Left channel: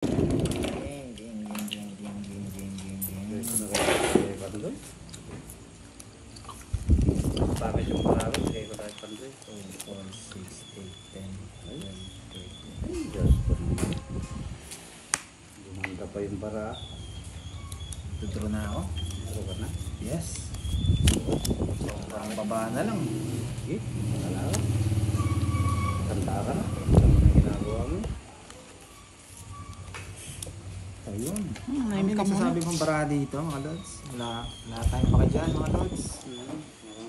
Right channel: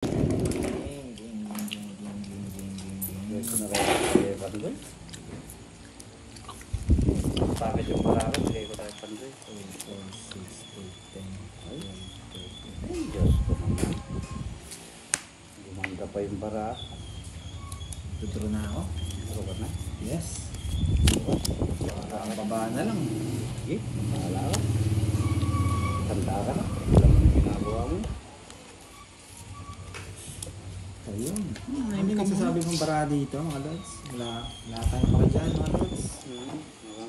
Bakit yung barako? Bigay ko tayo pandoy. 2, 4, 6, 8, 10, 11, 12. Ay, Diyos ko naman. Gumanda pa yung bara. Tuturo na ako? Tuturo ka na? Yes. Baba na lang. Sige, mahala ka. Tanda ka. Alam mo na ginagawa mo. Ayun. Ano yung sasabi kong bara dito mga lods? Wala tayong makidyan mga lods.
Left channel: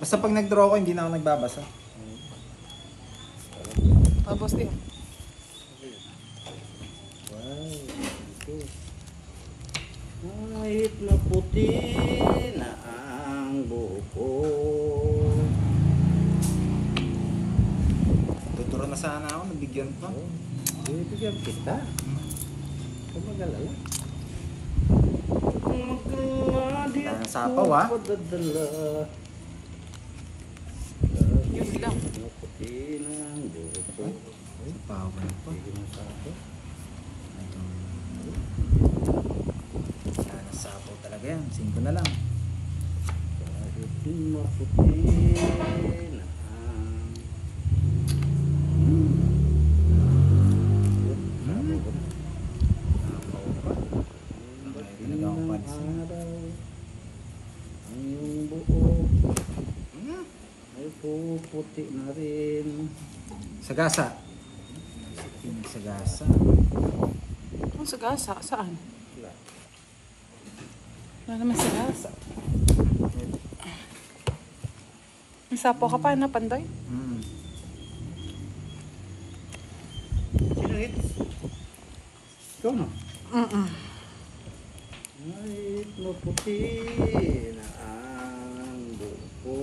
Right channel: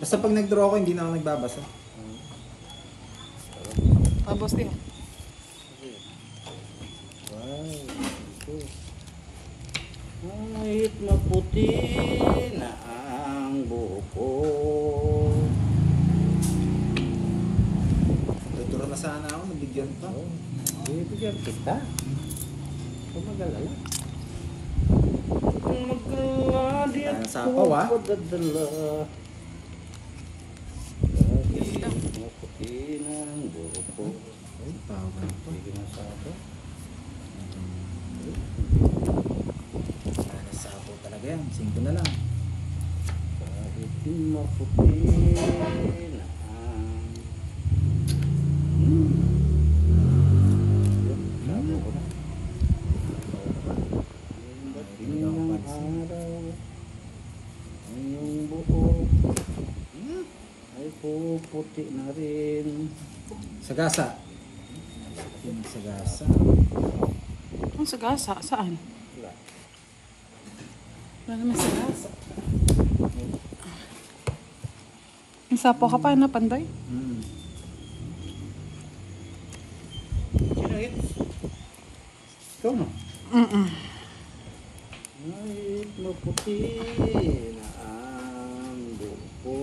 Basta pag nag-draw ko hindi na ako nagbabasa. Tapos eh. Wow, ito. Kahit maputi na ang buko. Tuturo na sana ako, nabigyan pa. Bibigyan kita. Kung mag-alala. Kung mag-alala, di ako padadala. Kahit maputi na ang buko. Ay, power pa. Sige na sa ako. Sapo talaga yan, 5 na lang. Kahit maputi na ang sapo ko na. Dating ng araw ang iyong buo ay puputi na rin. Sagasa. Sagasa. Ang sagasa? Saan? Wala. Wala naman sagasa. May sapo ka pa na panday? Sino hit? Ikaw na. Kahit maputi na ang buko.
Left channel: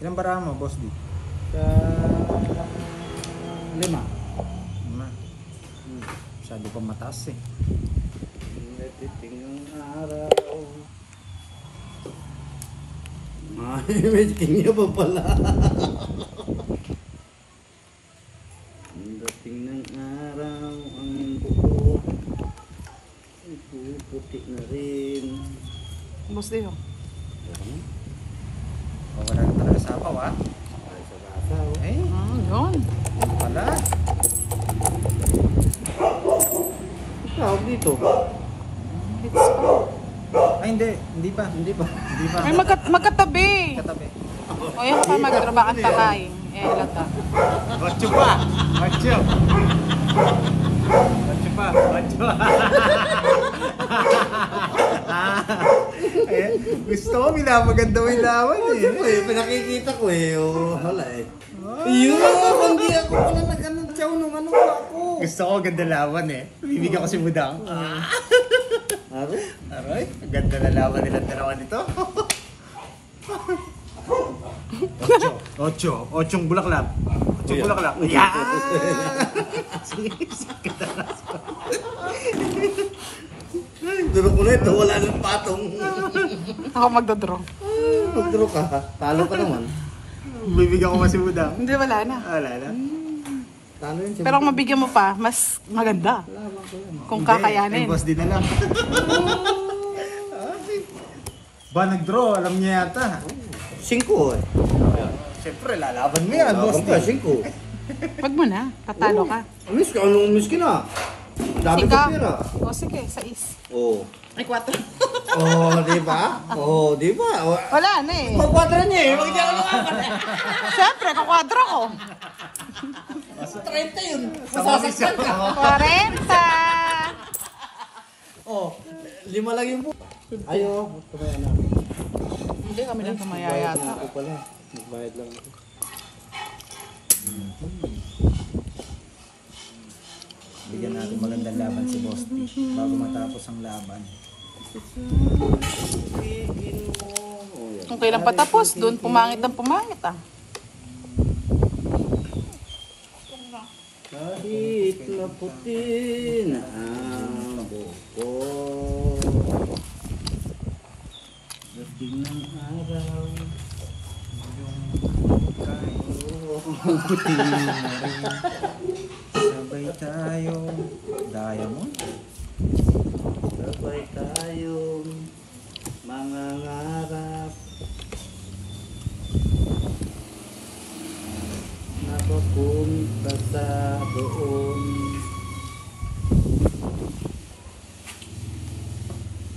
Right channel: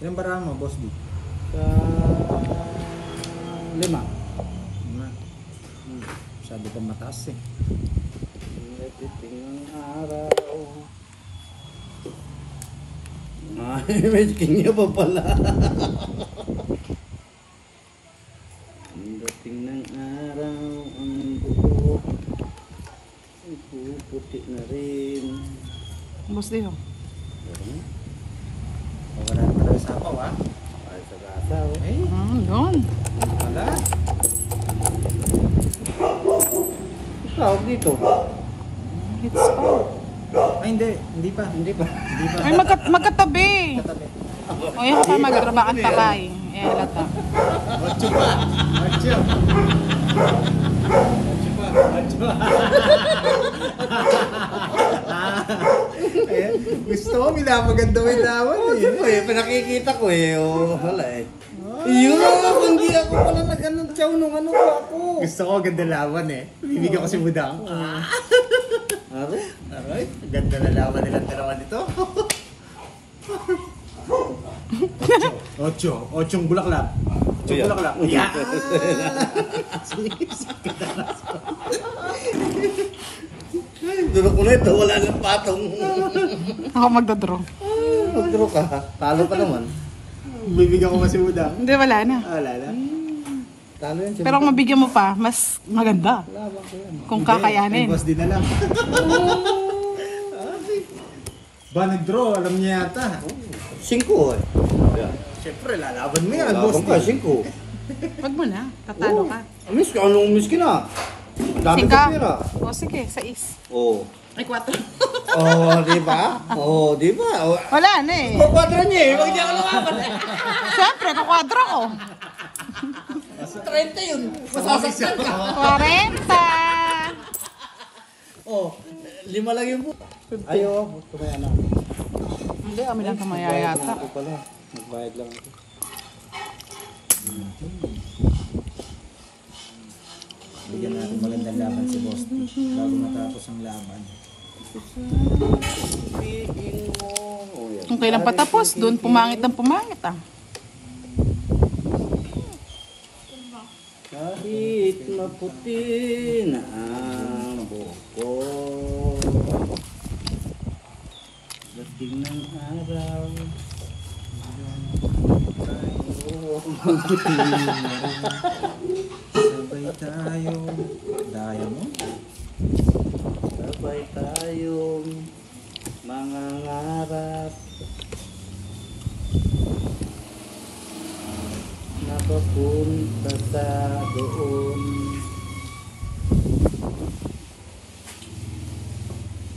Ilang bara mo, boss D? Sa 5. Sabi ko mataas eh. Natiting ang araw. May kanya pa pala. Dating ng araw ang buko ay puputi na rin. Bus din. Wala na talaga sapaw ah. Ay sa gata oh. Ay, wala. Tawag dito. Ay hindi, hindi pa. Hindi pa. Hindi pa. Ay, magkatabi. Katabi. Eh, nakatagay. Macho pa! Macho! Macho pa! Macho! Gusto ko minapaganda mo yung lawan eh. Pinakikita ko eh. Hala eh. Yun! Hindi ako pala nag-anong chow nung ano ako. Gusto ko ganda lawan eh. Bibigyan ko si Budang. Aray? Aray, ganda na lawan nila dalawa nito. 8 bulaklak. 8 bulaklak. Yeah! Duro ko na ito. Wala nang patong. Ako magdadraw. Magduro ka. Talo ka naman. Bibigyan ko kasi Budang. Hindi, wala na. Wala na. Talo yan. Pero kung mabigyan mo pa, mas maganda. Laban ko yan. Kung Hindi, kakayanin. ay boss din na lang. Ba nag-draw, alam niya yata. 5 eh. Siyempre, lalaban mo yan, Laban boss ka, din. 5. Wag mo na, tatalo ka. Miss ka, anong miss ka na? Dami ko pera. O sige, 6. Oo. Ay, 4. Oh, di ba? Oh, di ba? Wala na eh. Ko 4 niya eh. Bakit di ako lumaban eh? Siyempre, 4 ko. 30 yun. Masasaktan ka. 40. Oh, 5 lang yung buo. Ayo, tumaya na. Hindi, amin ka Nagbayad na mayayata. ako pala. Nagbayad lang ako. Bigyan natin magandang laban si Boss D bago matapos ang laban. Sabihin mo. Oh, yan. Yung pera patapos, doon pumangit ng pumangit ah. Kahit maputi na ang buko, dating ng araw, maputi na rin. Sabay tayo. Diamond. Sabay tayong mangangarap. Napapunta sa doon.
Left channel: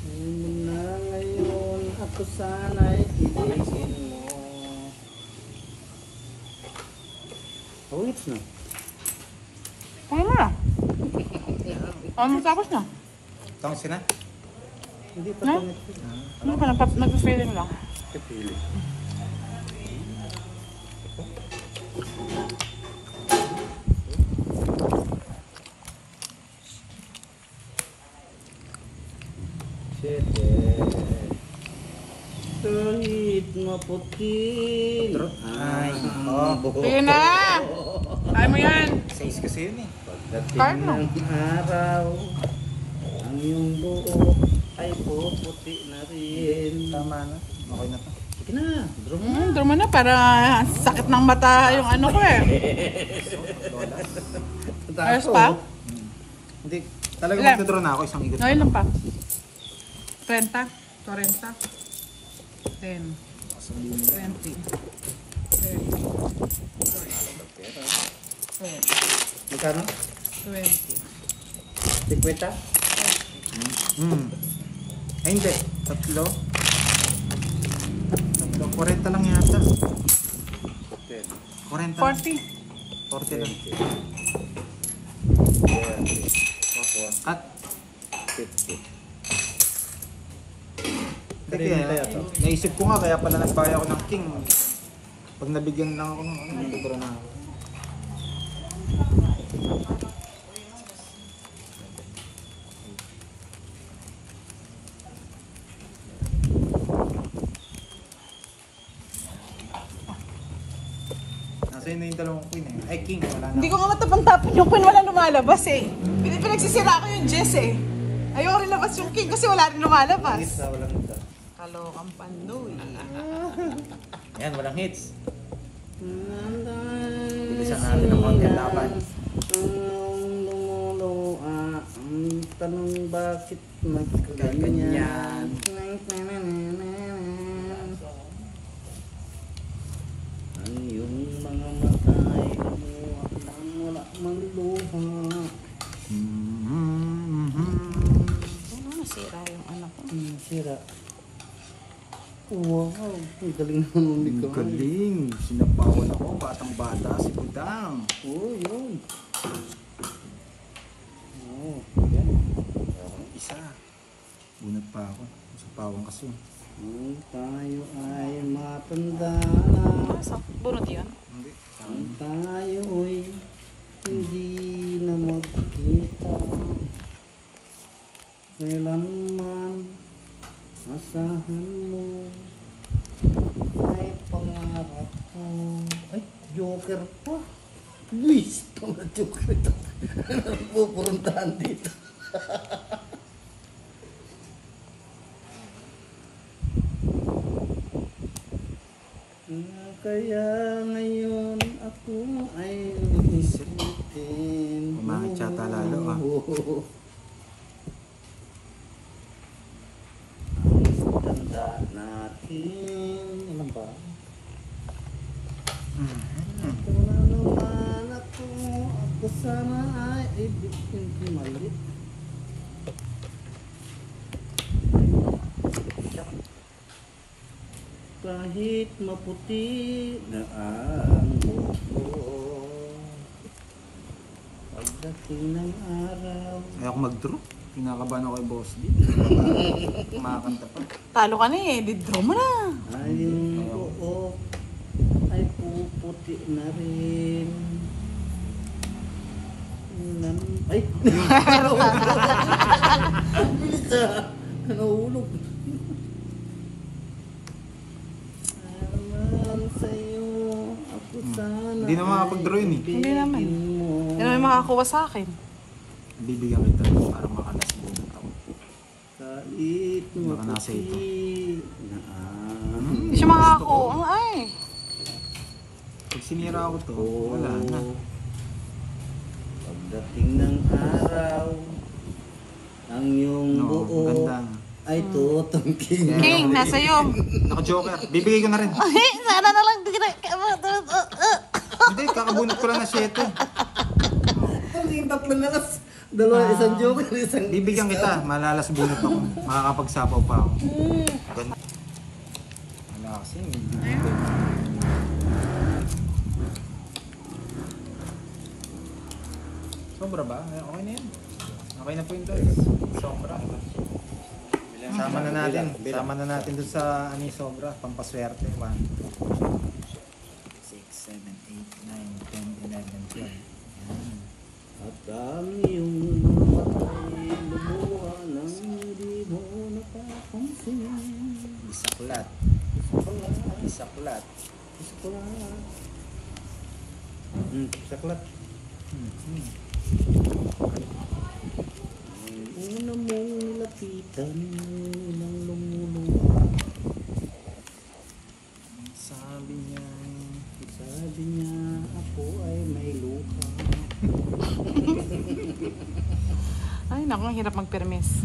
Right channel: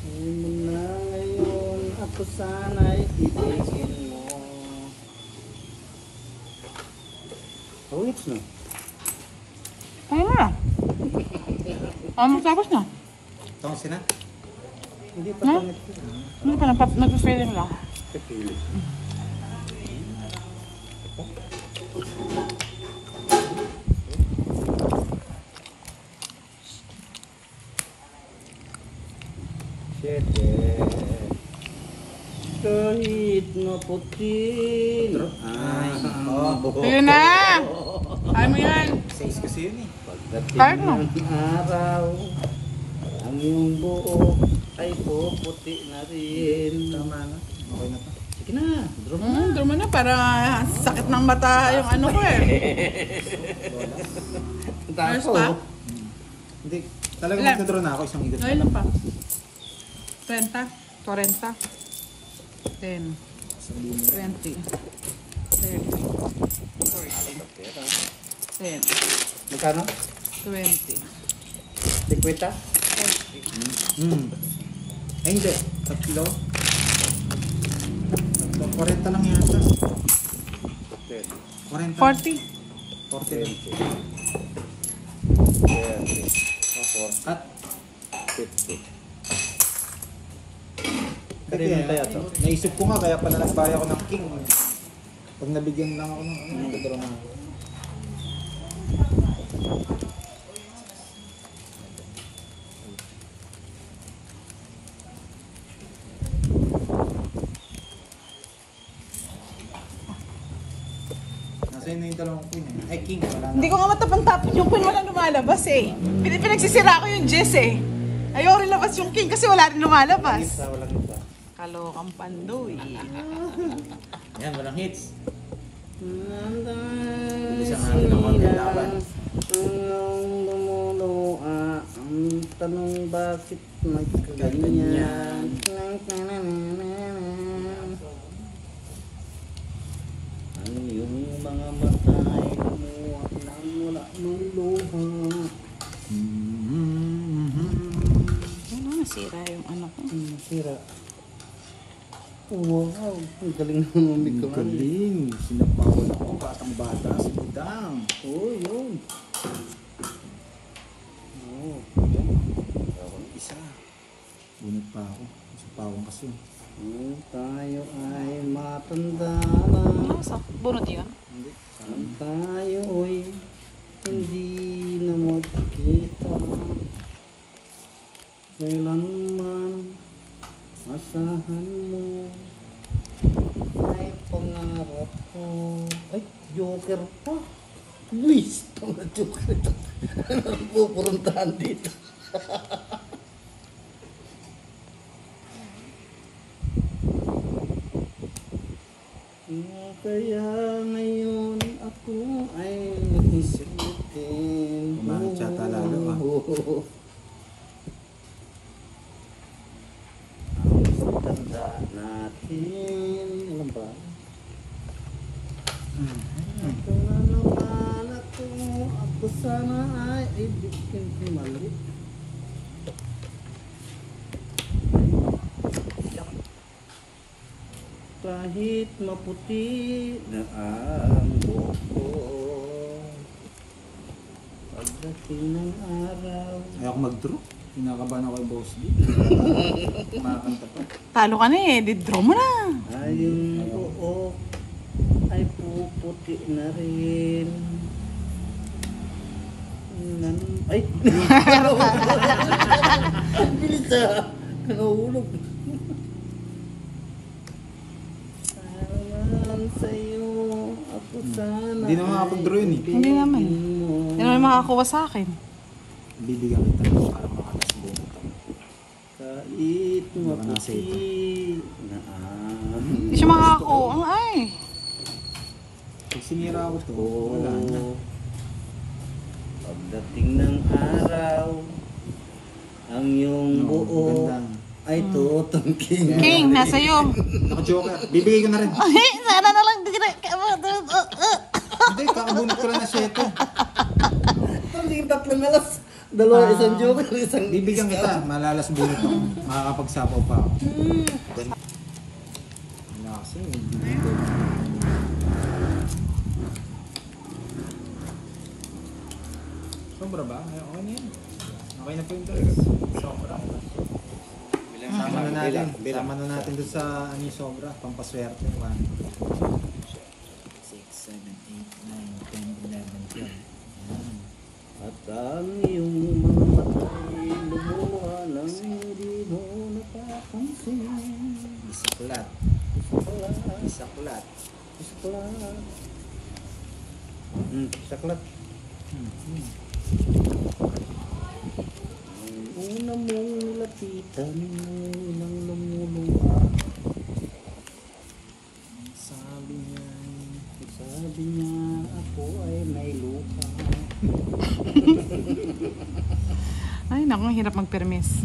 Muna ngayon ako sana'y ibigin mo. Oh, it's na. Ayun na. Ano tapos na? Tawag sila? Hindi pa tungit. Ano ka nagpapasilin mo? Kapili. Siyete. Kahit maputi. Ay, Ayun na! Kaya mo yan! 6 kasi yun eh. pagdating ng araw, ang iyong buhok ay puputi na rin. Tama na. Okay na to. Sige na, draw mo na. Draw mo na para sakit ng mata yung ano ko eh. Ayos pa? Hindi. Talaga Ilan? magdodraw na ako isang ikot. Ngayon lang pa. 30, 40, 10, 20, 30, 10, Magkano? 20. 50? Ay hindi. Tatlo. 40 lang yata. 10, 40. 40. 40 lang. 20, At 50. Kasi, kaya to? naisip ko nga kaya pala nagbaya ako ng king. Pag nabigyan lang ako ng magdodraw na ako. Nasa'yo na yung dalawang queen eh. Ay, king. Wala na. Hindi ko nga matapang-tapang yung queen, wala lumalabas eh. Pinagsisira ko yung Jess eh. Ayaw rin labas yung king kasi wala rin lumalabas. Walang isa. Kalokang pandoy. Ayan, walang hits. Nanday Isang araw na magkalaban. ang lumuluha. Ang tanong bakit magkaganyan. Ang iyong mga mata ay lumuha nang wala mang luha. Sira yung ano. Sira. Wow, ang galing naman Ang ikaw. galing. Sinapawan ako. Batang-bata. Si Budang. Oh, yun. Oh, yan. Isa. Bunot pa ako. Sa pawang kasi. Kung tayo ay matanda na, Bunot yun? Hindi. ang tayo ay hindi na magkita. Kailanman asahan mo ay pangarap ko. Ay, joker pa. Luis, mga joker ito. Ano pupuruntahan dito? Kaya ngayon ako ay isitin. Umangit yata lalo, ah. Ang tanda natin. Ilan ba? Ito na naman ako. Ako sana ay ibigin malit. Kahit maputi na ang buhok ko, pagdating ng araw. Ayaw ako mag-draw. Kinakabahan ako kay Boss D. Kumakanta pa. Talo ka na eh. Draw mo na. Ay yung buhok ay puputi na rin. Ay! Ang bilis ah! Nahulog. Naman sa'yo, ako sana Hindi na makapag-draw yun eh. Hindi naman. ibigin mo. Yan ang makakuha sa akin. Bibigyan kita para makalas ng bunot to. Kahit Baka nasa maputi na Hindi siya makakuha ay. Pag sinira ako to, wala na. Pagdating ng araw, ang iyong buo Ganda. ay tutungking. Hey, nasa iyo. Naka-joker. Bibigay ko na rin. Ay, sana na lang. Hindi ka na. Hindi, kakabunot ko lang na 7. Tungking tatlo na lang. Dalawa, isang joker, isang... Bibigyan kita, malalas bunot ako. Makakapagsapaw pa ako. Ganda. Ano kasi, sobra ba? Okay na yan. Okay na po yung doon. Sobra. Sama na natin. Sama na natin doon sa ano yung sobra. Pampaswerte. 1, 6, 7, 8, 9, 10, 11, 12. Yan. At ang iyong mga matay lumuha nang di mo napapansin. Isaklat. Isaklat. Saklat. Saklat. Ang una mong nilapitan ng ilang lumuluha. Sabi niya ako ay may luha. Ay, naku, hirap ng permis.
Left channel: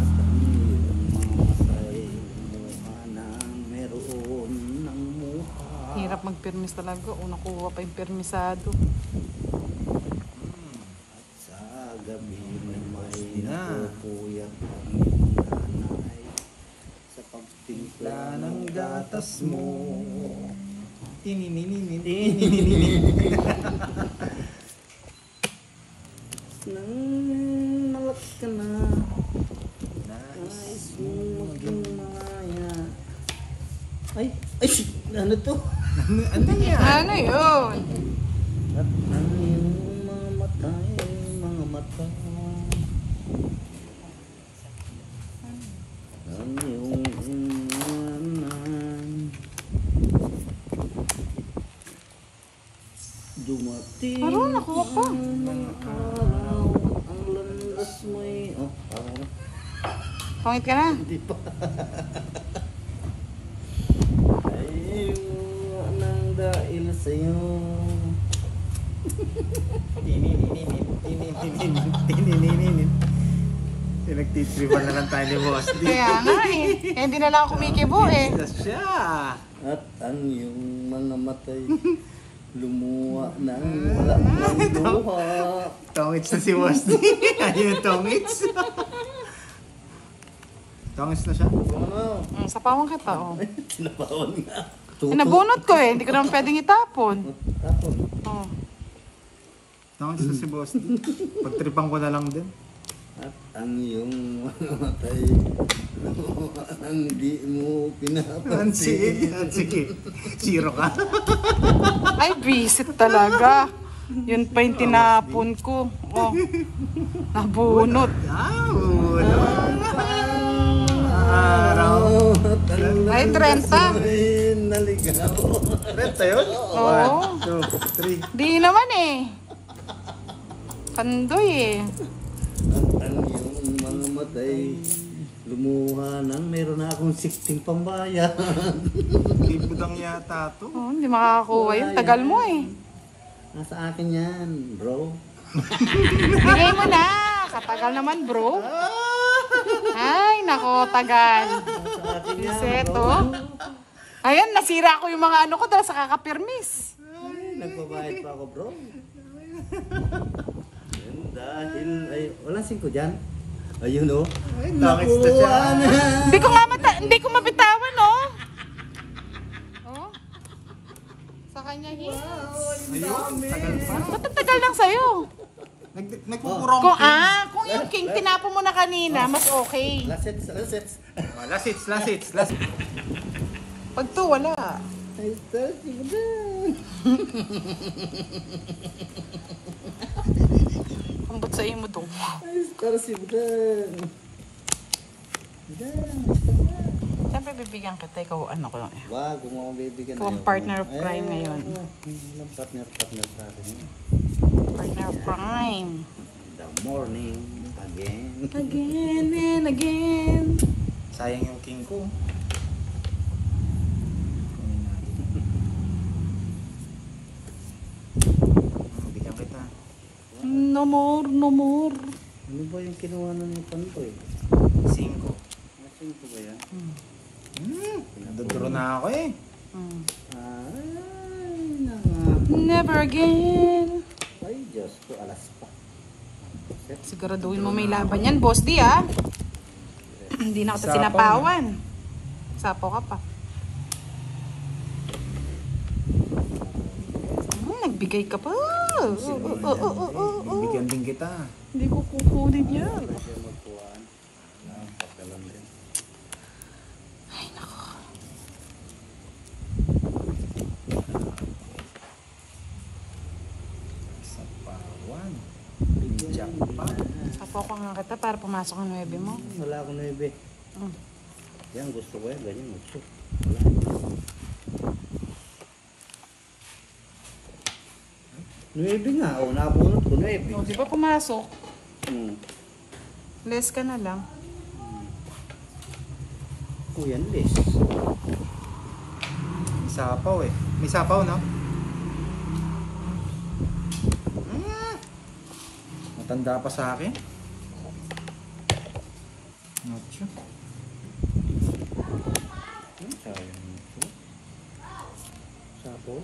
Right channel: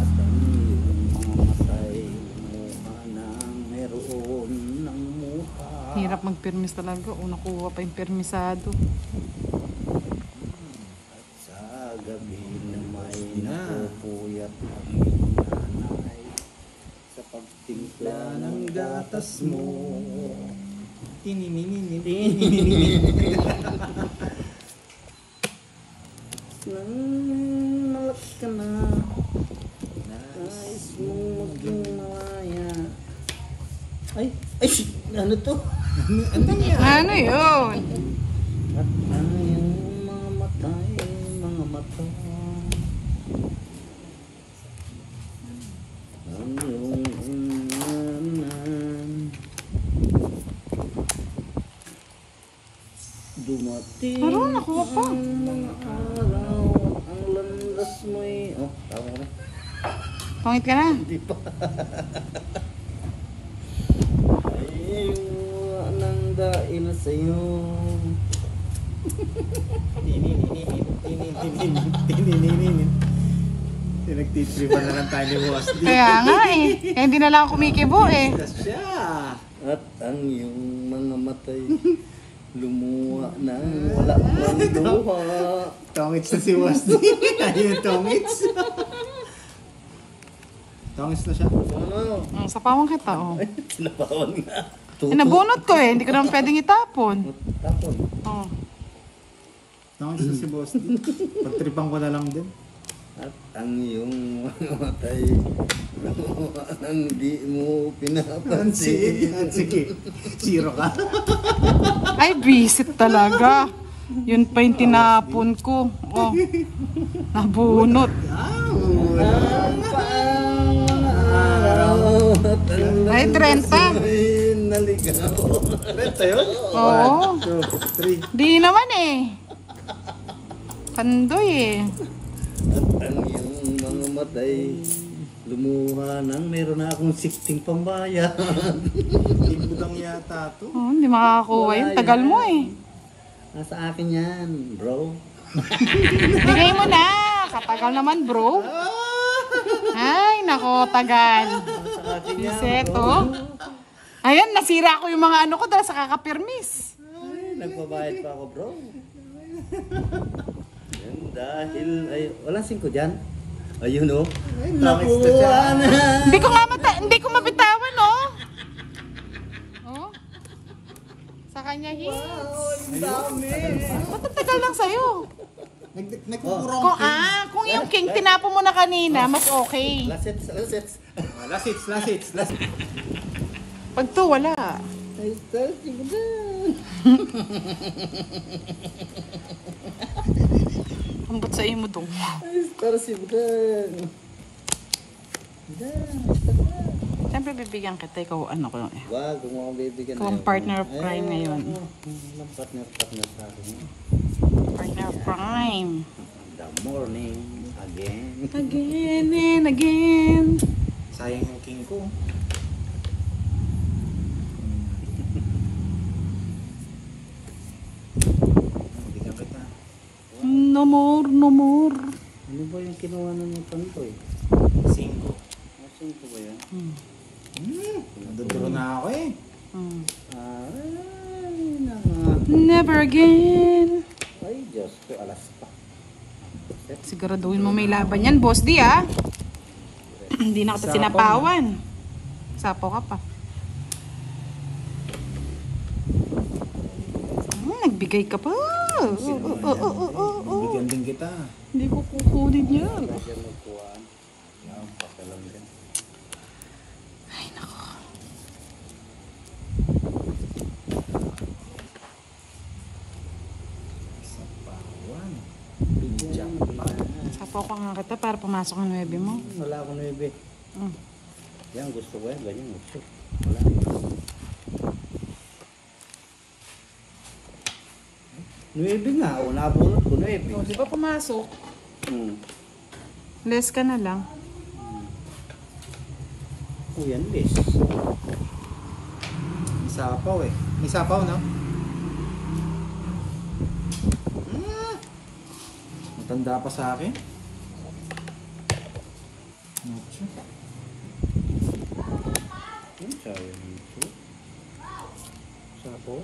At ang iyong mga matay lumuha nang meron ng muha. Hirap ng permis talaga. Kung nakuha pa yung permisado. At sa gabi na may napupuyat ang iyong nanay sa pagtimpla ng gatas mo. Nang malaki ka na, nais mong maging malaya. Ay, ano to? Ano yan? Ano yun? At ang iyong mga matay, mga mata. Ang iyong inanan. Dumating ang mga araw, ang landas mo'y... Oh, tama na. Pangit ka na. Hindi pa. Ayaw nang dahil sa'yo. Nagtitripan na lang tayo ni Boss D. Kaya nga eh. Kaya hindi na lang ako kumikibo eh. Tas siya. At ang iyong mga matay lumuha nang wala ng luha. Tongits na si Boss D. Ayun yung tongits. Tongits na siya. Ano? Sa pawang kita. Oh. Ay, tinapawan nga. Tuto. Sinabunot ko eh. Hindi ko naman pwedeng itapon. Tapon. Oh. Tongits na si Boss D. Pagtripan ko na lang din. At ang iyong mga matay lumuha nang di mo pinapansin. Sige. Zero ka. Ay, visit talaga. Yun pa yung tinapon ko. Oh. Nabunot. Ang paang mga araw at ang Ay, landas 30. mo'y naligaw. Renta yun? Oo. 1, 2, 3. Di naman eh. Sandoy eh. At ang iyong mga matay lumuha nang meron na akong 16 pambayan. Ibudang yata to. Oh, hindi makakakuha yun. Tagal mo eh. Nasa akin yan, bro. Bigay mo na. Katagal naman bro. Ay, nako, tagal. Nasa akin yan, Seto. bro. Ayan, nasira ko yung mga ano ko dahil sa kakapirmis. Ay, nagbabayad pa ako, bro. Yan, dahil, ay, walang 5 dyan. Ayun, oh. Nakuha na. Hindi ko mabitayaman, no? Oh? Sa kanya, Ang dami. Ba't ang tagal lang sa'yo? Nagkukurong Kung yung king tinapo mo na kanina, mas okay. Last hits. Last hits. Pag to, wala. Ay, sarsi ko na. Ang sa'yo mo doon. Ay, sarsi ko na. Siyempre bibigyan kita, ikaw ano ko lang eh. Wag, kung ako bibigyan na Kung partner of crime na yun. Walang partner sa akin. Partner of crime. The morning, again. Again and again. Sayang yung king ko. Bigyan kita. No more. Ano ba yung kinuha na ng Pandoy? 5. Asin ko ba yan? Naduduro na ako eh. Ay, Never again. Ay, Diyos ko, alas pa. Siguraduhin mo may laban yan, boss di ah. Hindi na kita sinapawan. Sapo ka pa. Nagbigay ka pa. Bibigyan din kita. Hindi ko kukunin yan. Wala dyan magkuhaan. Wala akong pakialam din. Sapawan. Bigyan. Sapo ka nga kita para pumasok ng nebe mo. Wala akong nebe. Yan, gusto ko yan. Ganyan, gusto. Wala. Nuebe nga. O, napulot ko nuebe. Di ba pumasok? Less ka na lang. O, yan, less. May sapaw eh. May sapaw no? Matanda pa sa akin. Nacho. Sayang ito. Sapo.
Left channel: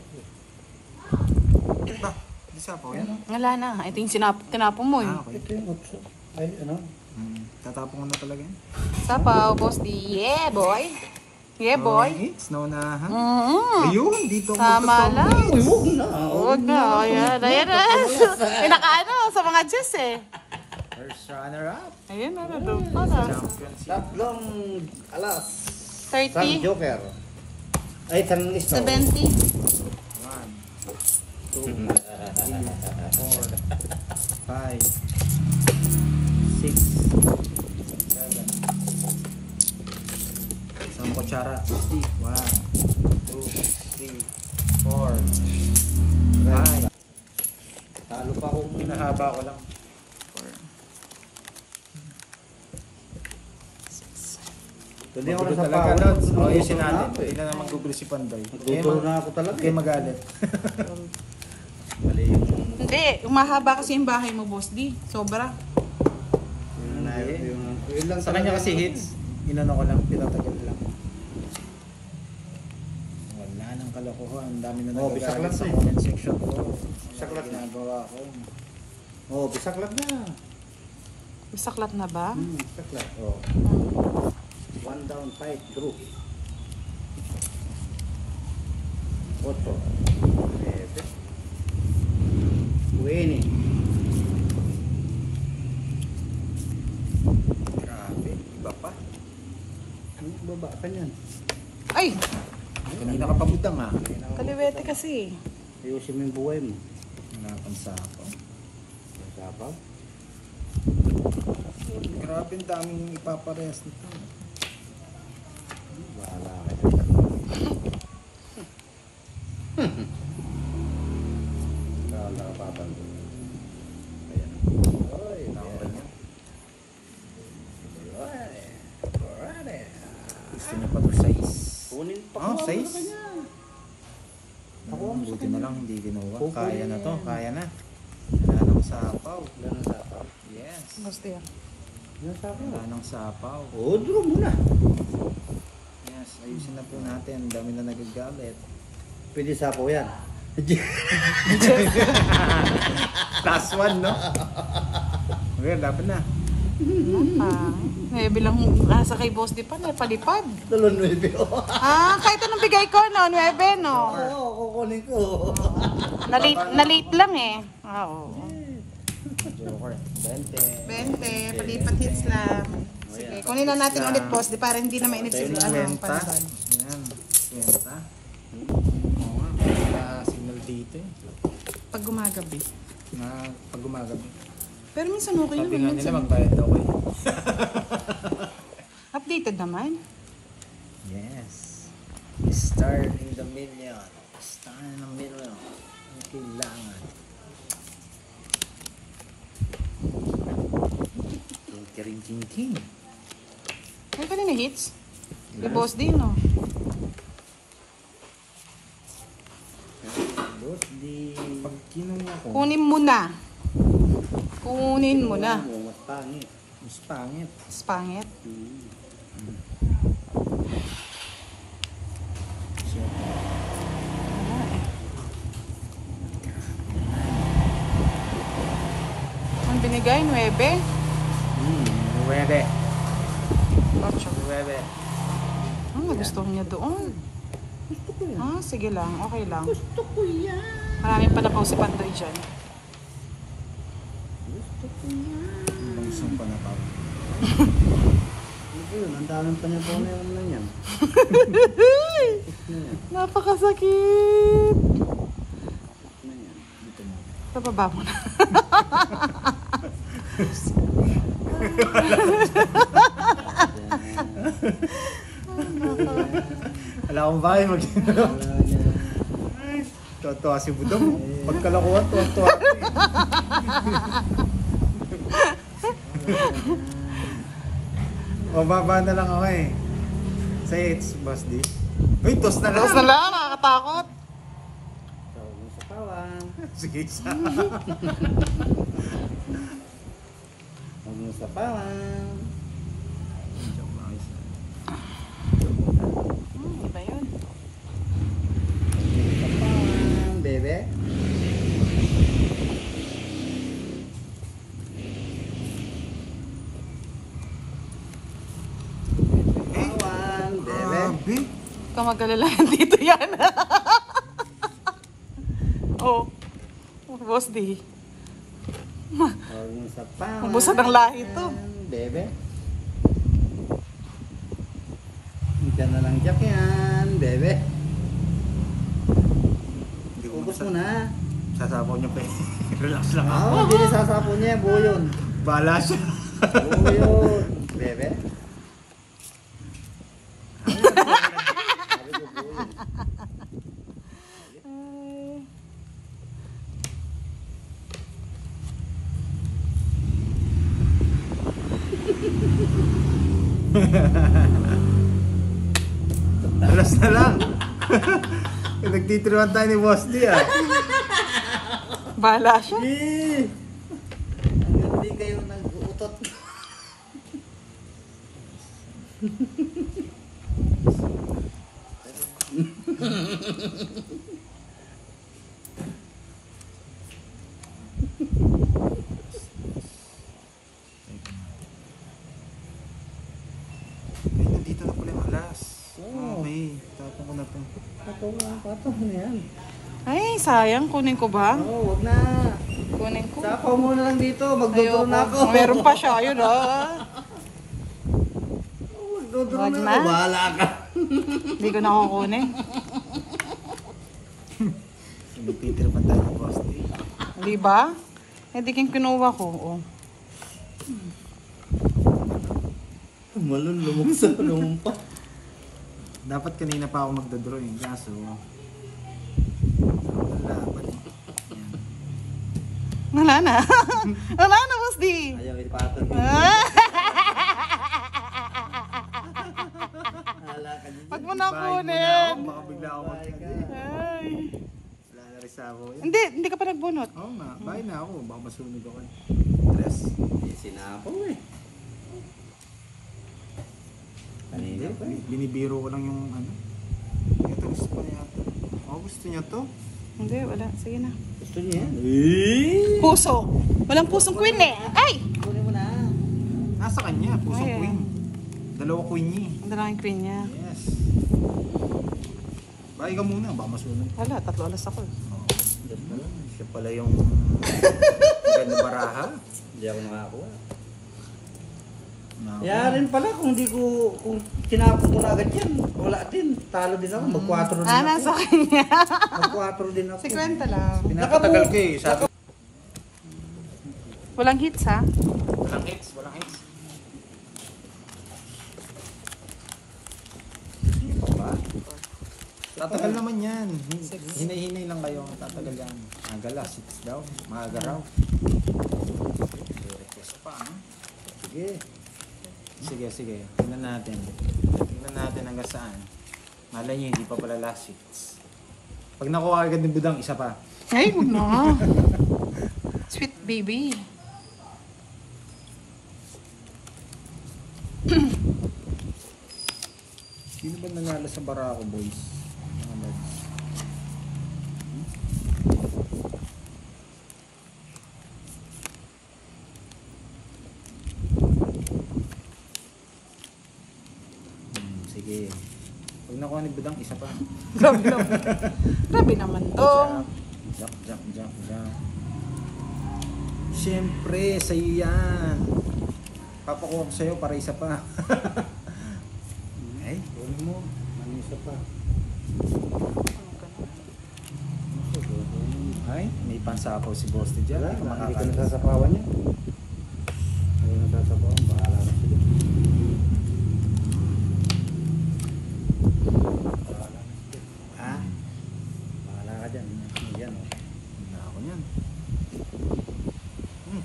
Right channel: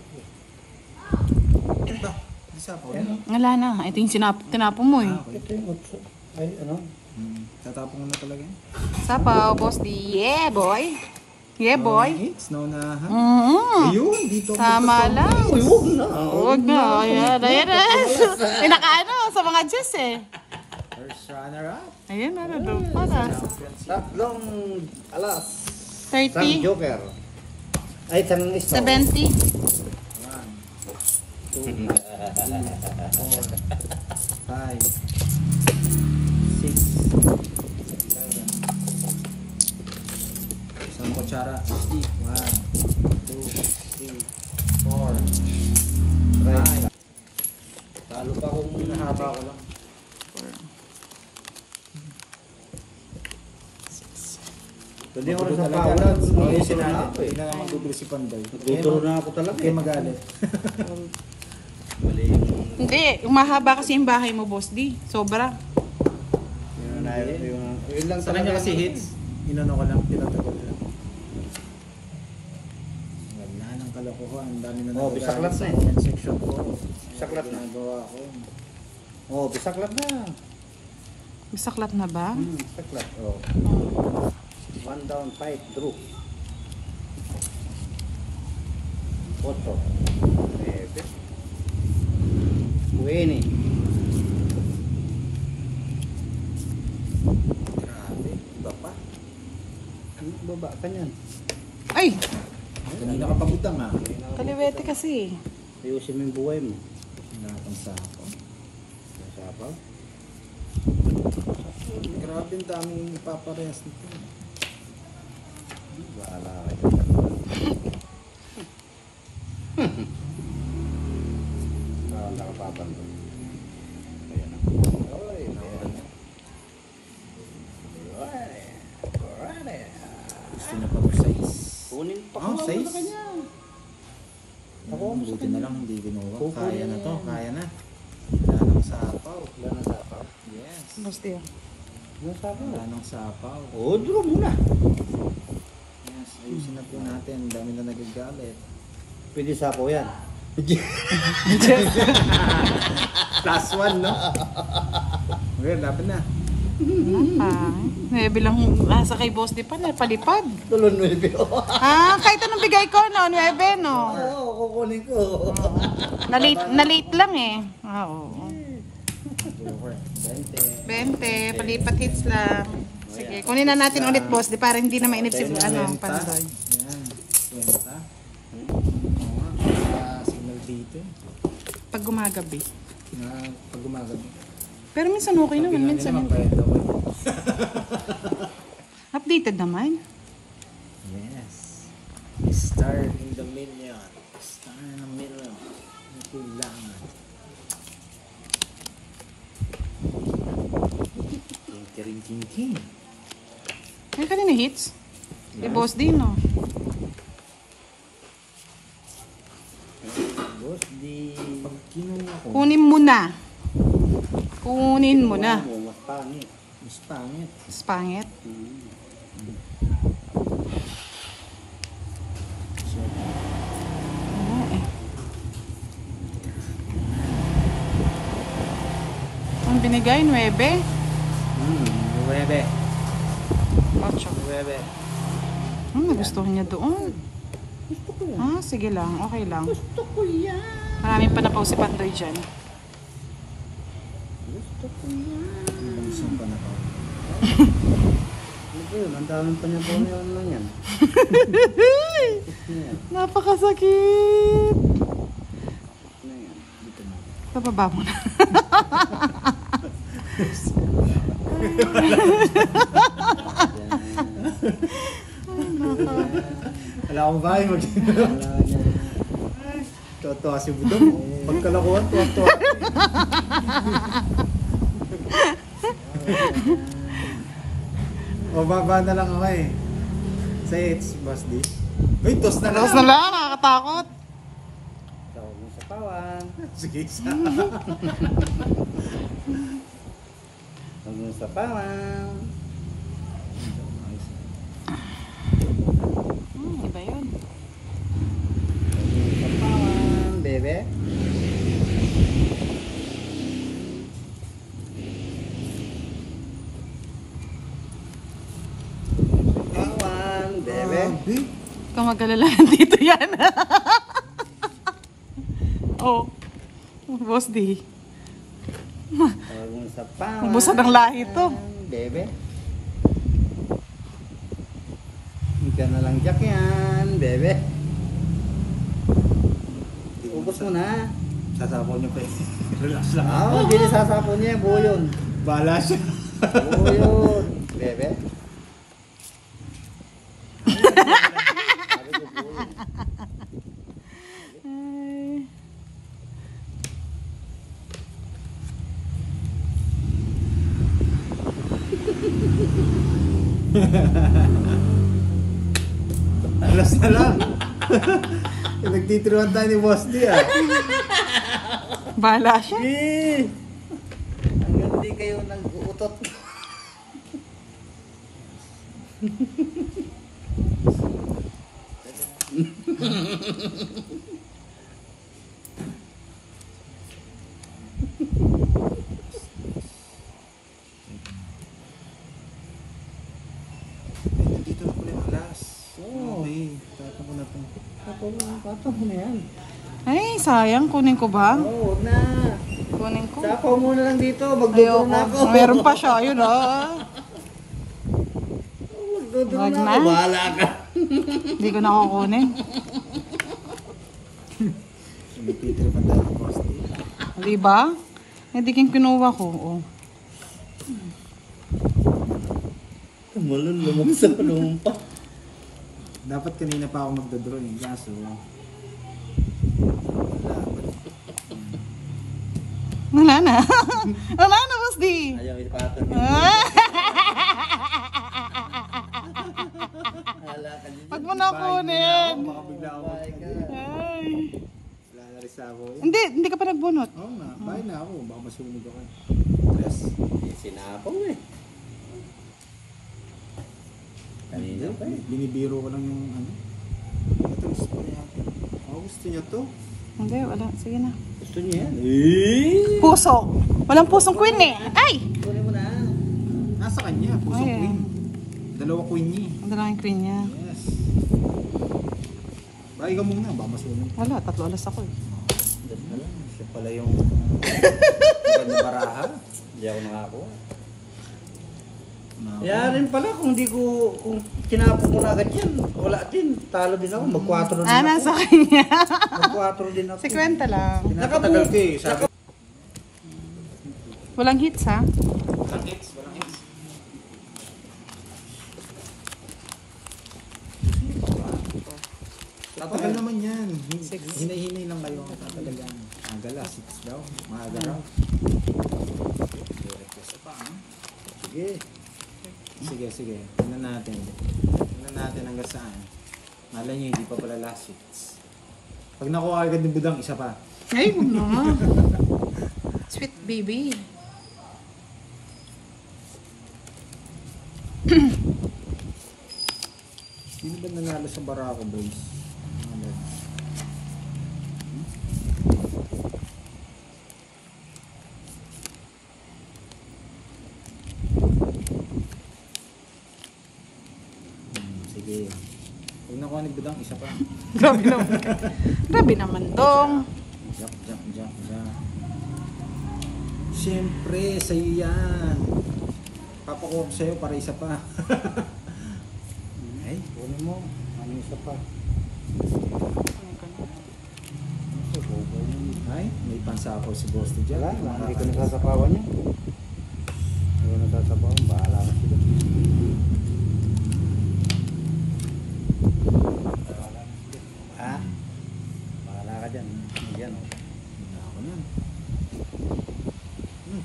Ba? May sapaw yan? Wala na. Ito yung tinapon mo eh. Okay. Ito yung otso. Ay, ano? Tatapong ko na talaga yan. Sapaw, boss di. Yeah, boy. Yeah, boy. It's no na ha? Mm-hmm. Ayun, dito ko Tama magkasama. lang. Uy, huwag na. Huwag na. Pinakaano sa mga Diyos eh. First runner-up. Ayan, doon pa na. Champions. Tatlong alas. 30. Tang joker. Ay, tang snow. 70. 1, 2, 3, 4, 5, 6, 7. Isang kutsara. 1, 2, 3, 4, Right. 5. Talo pa kung Nahaba ko lang. Hindi ako Magulo sa talaga. pawan. Ayusin Nagduduro na natin. ako eh. Hindi na naman gugulo si Pandoy. Nagduduro na ako talaga Kaya eh. magalit. Mali yung... Hindi, mahaba kasi yung bahay mo, boss di. Sobra. Yun lang Sa kanya kasi hits, inano ko lang, pinatagal lang. Wala nang kalokohan, ang dami na Oh, nagagalit bisaklat sa na eh. comment section ko. Bisaklat na. Ginagawa ko. Oh, bisaklat na. Masaklat na ba? Bisaklat. Oh. 1 down, 5 through. 8. 9. 20. Grabe, iba pa. Baba ka niyan. Ay! Kanina ka pagutang ha. Kaliwete kasi. Ayusin mo yung buhay mo. Napansa ako. Sapaw. Grabe ang daming ipaparehas nito. Bahala ka dyan. Bahala ka papandun. Ayan o. Uy, ayan. Alright. Isang pa po size. Kunin pa Oh, ko size? sa kanya. Ako mo sa Buti kanya. na lang hindi kinuha. Kukunin Kaya na to, yan. kaya na. Wala nang sapaw. Wala nang sapaw. Yes. Boss di. Wala sapaw. Wala nang sapaw. Oo, draw muna. Yes, ayusin na po natin. Ang dami na nagagalit. Pwede sapaw yan. Plus 1, no? Okay, dapat na. Bilang sa kay boss di pa na palipad. Tulon 9. Kahit anong bigay ko, no? 9, no? Oo, kukunin ko. Nalit lang eh. Joker. 20, palipat hits lang. Sige, kunin na natin ulit boss, di para hindi na mainit si Kwenta. Pandoy. Ayan, kwenta. Signal dito eh. Pag gumagabi. Pag gumagabi. Pero minsan okay Sabi naman, nga nila minsan magbayad daw eh. updated naman. Yes. Star in the million. Star in the million. Ang kailangan. King. Kaya ka na hits? Boss din, no? Boss, di... Pag kinuha ko, Kunin mo na. Kunin mo na. Mas Pangit. Mas pangit. Mas pangit. Ang binigay, 9. 9. 9. Gusto niya doon. Gusto ko yan. Ah, sige lang. Okay lang. Gusto ko yan. Marami pa na post pantry dyan. Gusto ko yan. Bansong pa na pa. Ano ba yun? Ang daming pa niya po na yun lang yan. Ano yan? Napakasakit. Ano yan? Dito mo. Kapaba mo na. Wala akong bahay mag Wala yan. tuwa si Budong. Pagkalakuhan, tuwa-tuwa. Mababa na lang ako eh. Say it's boss D. Uy, tos na lang. Tapos na lang, nakakatakot. Tawag mo sa pawan. Sige, isa. Tawag mo sa pawan. Iba yun. Tawag mo sa pawan, bebe. Pawan, bebe. Grabe. Kung magkalala, dito yan. Oh. Boss D. Tawag mo sa pawan. Busog ang lahi to. Bebe. Hindi ka na lang jack yan, bebe. Hindi ko Ubus mo na. Sasapaw niyo pa eh. Relax lang ako. Hindi na sasapo niya, buo yun. Bahala siya. Buo yun, bebe. Sabi ko buo yun. Alas na lang. Nagtitruan tayo ni Boss D ah. Bahala siya. Eh! Hanggang di kayo nag-uutot. Ay, nandito na pala yung alas. Oo. Okay, tapos ko na ito. Patong mo na yan. Ay, sayang. Kunin ko ba? Oo, wag na. Kunin ko. Sapaw mo na lang dito, magduduro na ako. Meron pa siya. Yun, oh. Magduduro na ako, bahala ka. Hindi ko na kukunin. Nagtitira pa tayo ni Boss D. Di ba? Hindi kang kinuha ko. Oh. Malulumog sa lumpa. Dapat kanina pa ako magdodrawing. Kaso, wala. Wala na. Wala na, Boss D. Ayaw ipatong yung Hala ka dyan. Pag mo na Bahay mo na kunin. ako. Baka bigla ako Bahay ka. Ay. Wala na rin sa ako. Hindi ka pa nagbunot. Oo nga, bahay na ako. Baka masunog ako. Stress. Sinapaw eh. Kanina pa eh. Binibiro ko lang yung ano. Ito gusto ko niya ito. Oh, gusto niya to. Hindi, wala. Sige na. Gusto niya yan. Eh! Puso. Walang pusong queen eh. Ay! Kunin mo na. Nasa kanya, pusong Ay. queen. Dalawa queen niya. Dalawang queen niya. Yes. Bahay ka muna, baka masunog. Wala, 3 alas ako. Dali na lang. Siya pala yung maganda baraha. Hindi ako nakakuha. No. Yarin pala kung di ko, kung tinapon ko na agad yan, wala din. Talo din ako, mag-4 din Ah, ako. nasa kanya. Mag-4 din ako. 50 lang. Pinapatagal ko eh. Sabi, Walang hits ha? walang hits, walang hits. Tatagal naman yan. Hinay-hinay lang kayo. Tatagal yan. Agala, 6 daw. Maaga raw. Request pa. Sige. Sige. Tingnan natin. Tingnan natin hanggang saan. Malay niya, hindi pa pala last 6. Pag nakuha agad ni Budang, isa pa. Ay, huwag na. Sweet baby. Sino ba nanalo sa Barako Boys? Mga lads. Sige. Huwag na kuha ni Budang, isa pa. Grabe naman dong. Jump. Siyempre, sa'yo yan. Papakuha ko sa'yo para isa pa. Ay, kunin mo. Ano isa pa? Ay, may pansapaw si Boss T dyan. Wala, hindi ko nasasapawan niya. Ayaw nasasapawan, bahala na sila. Bahala na sila. Ha? Bahala ka dyan. Yan o. Hindi na ako yan.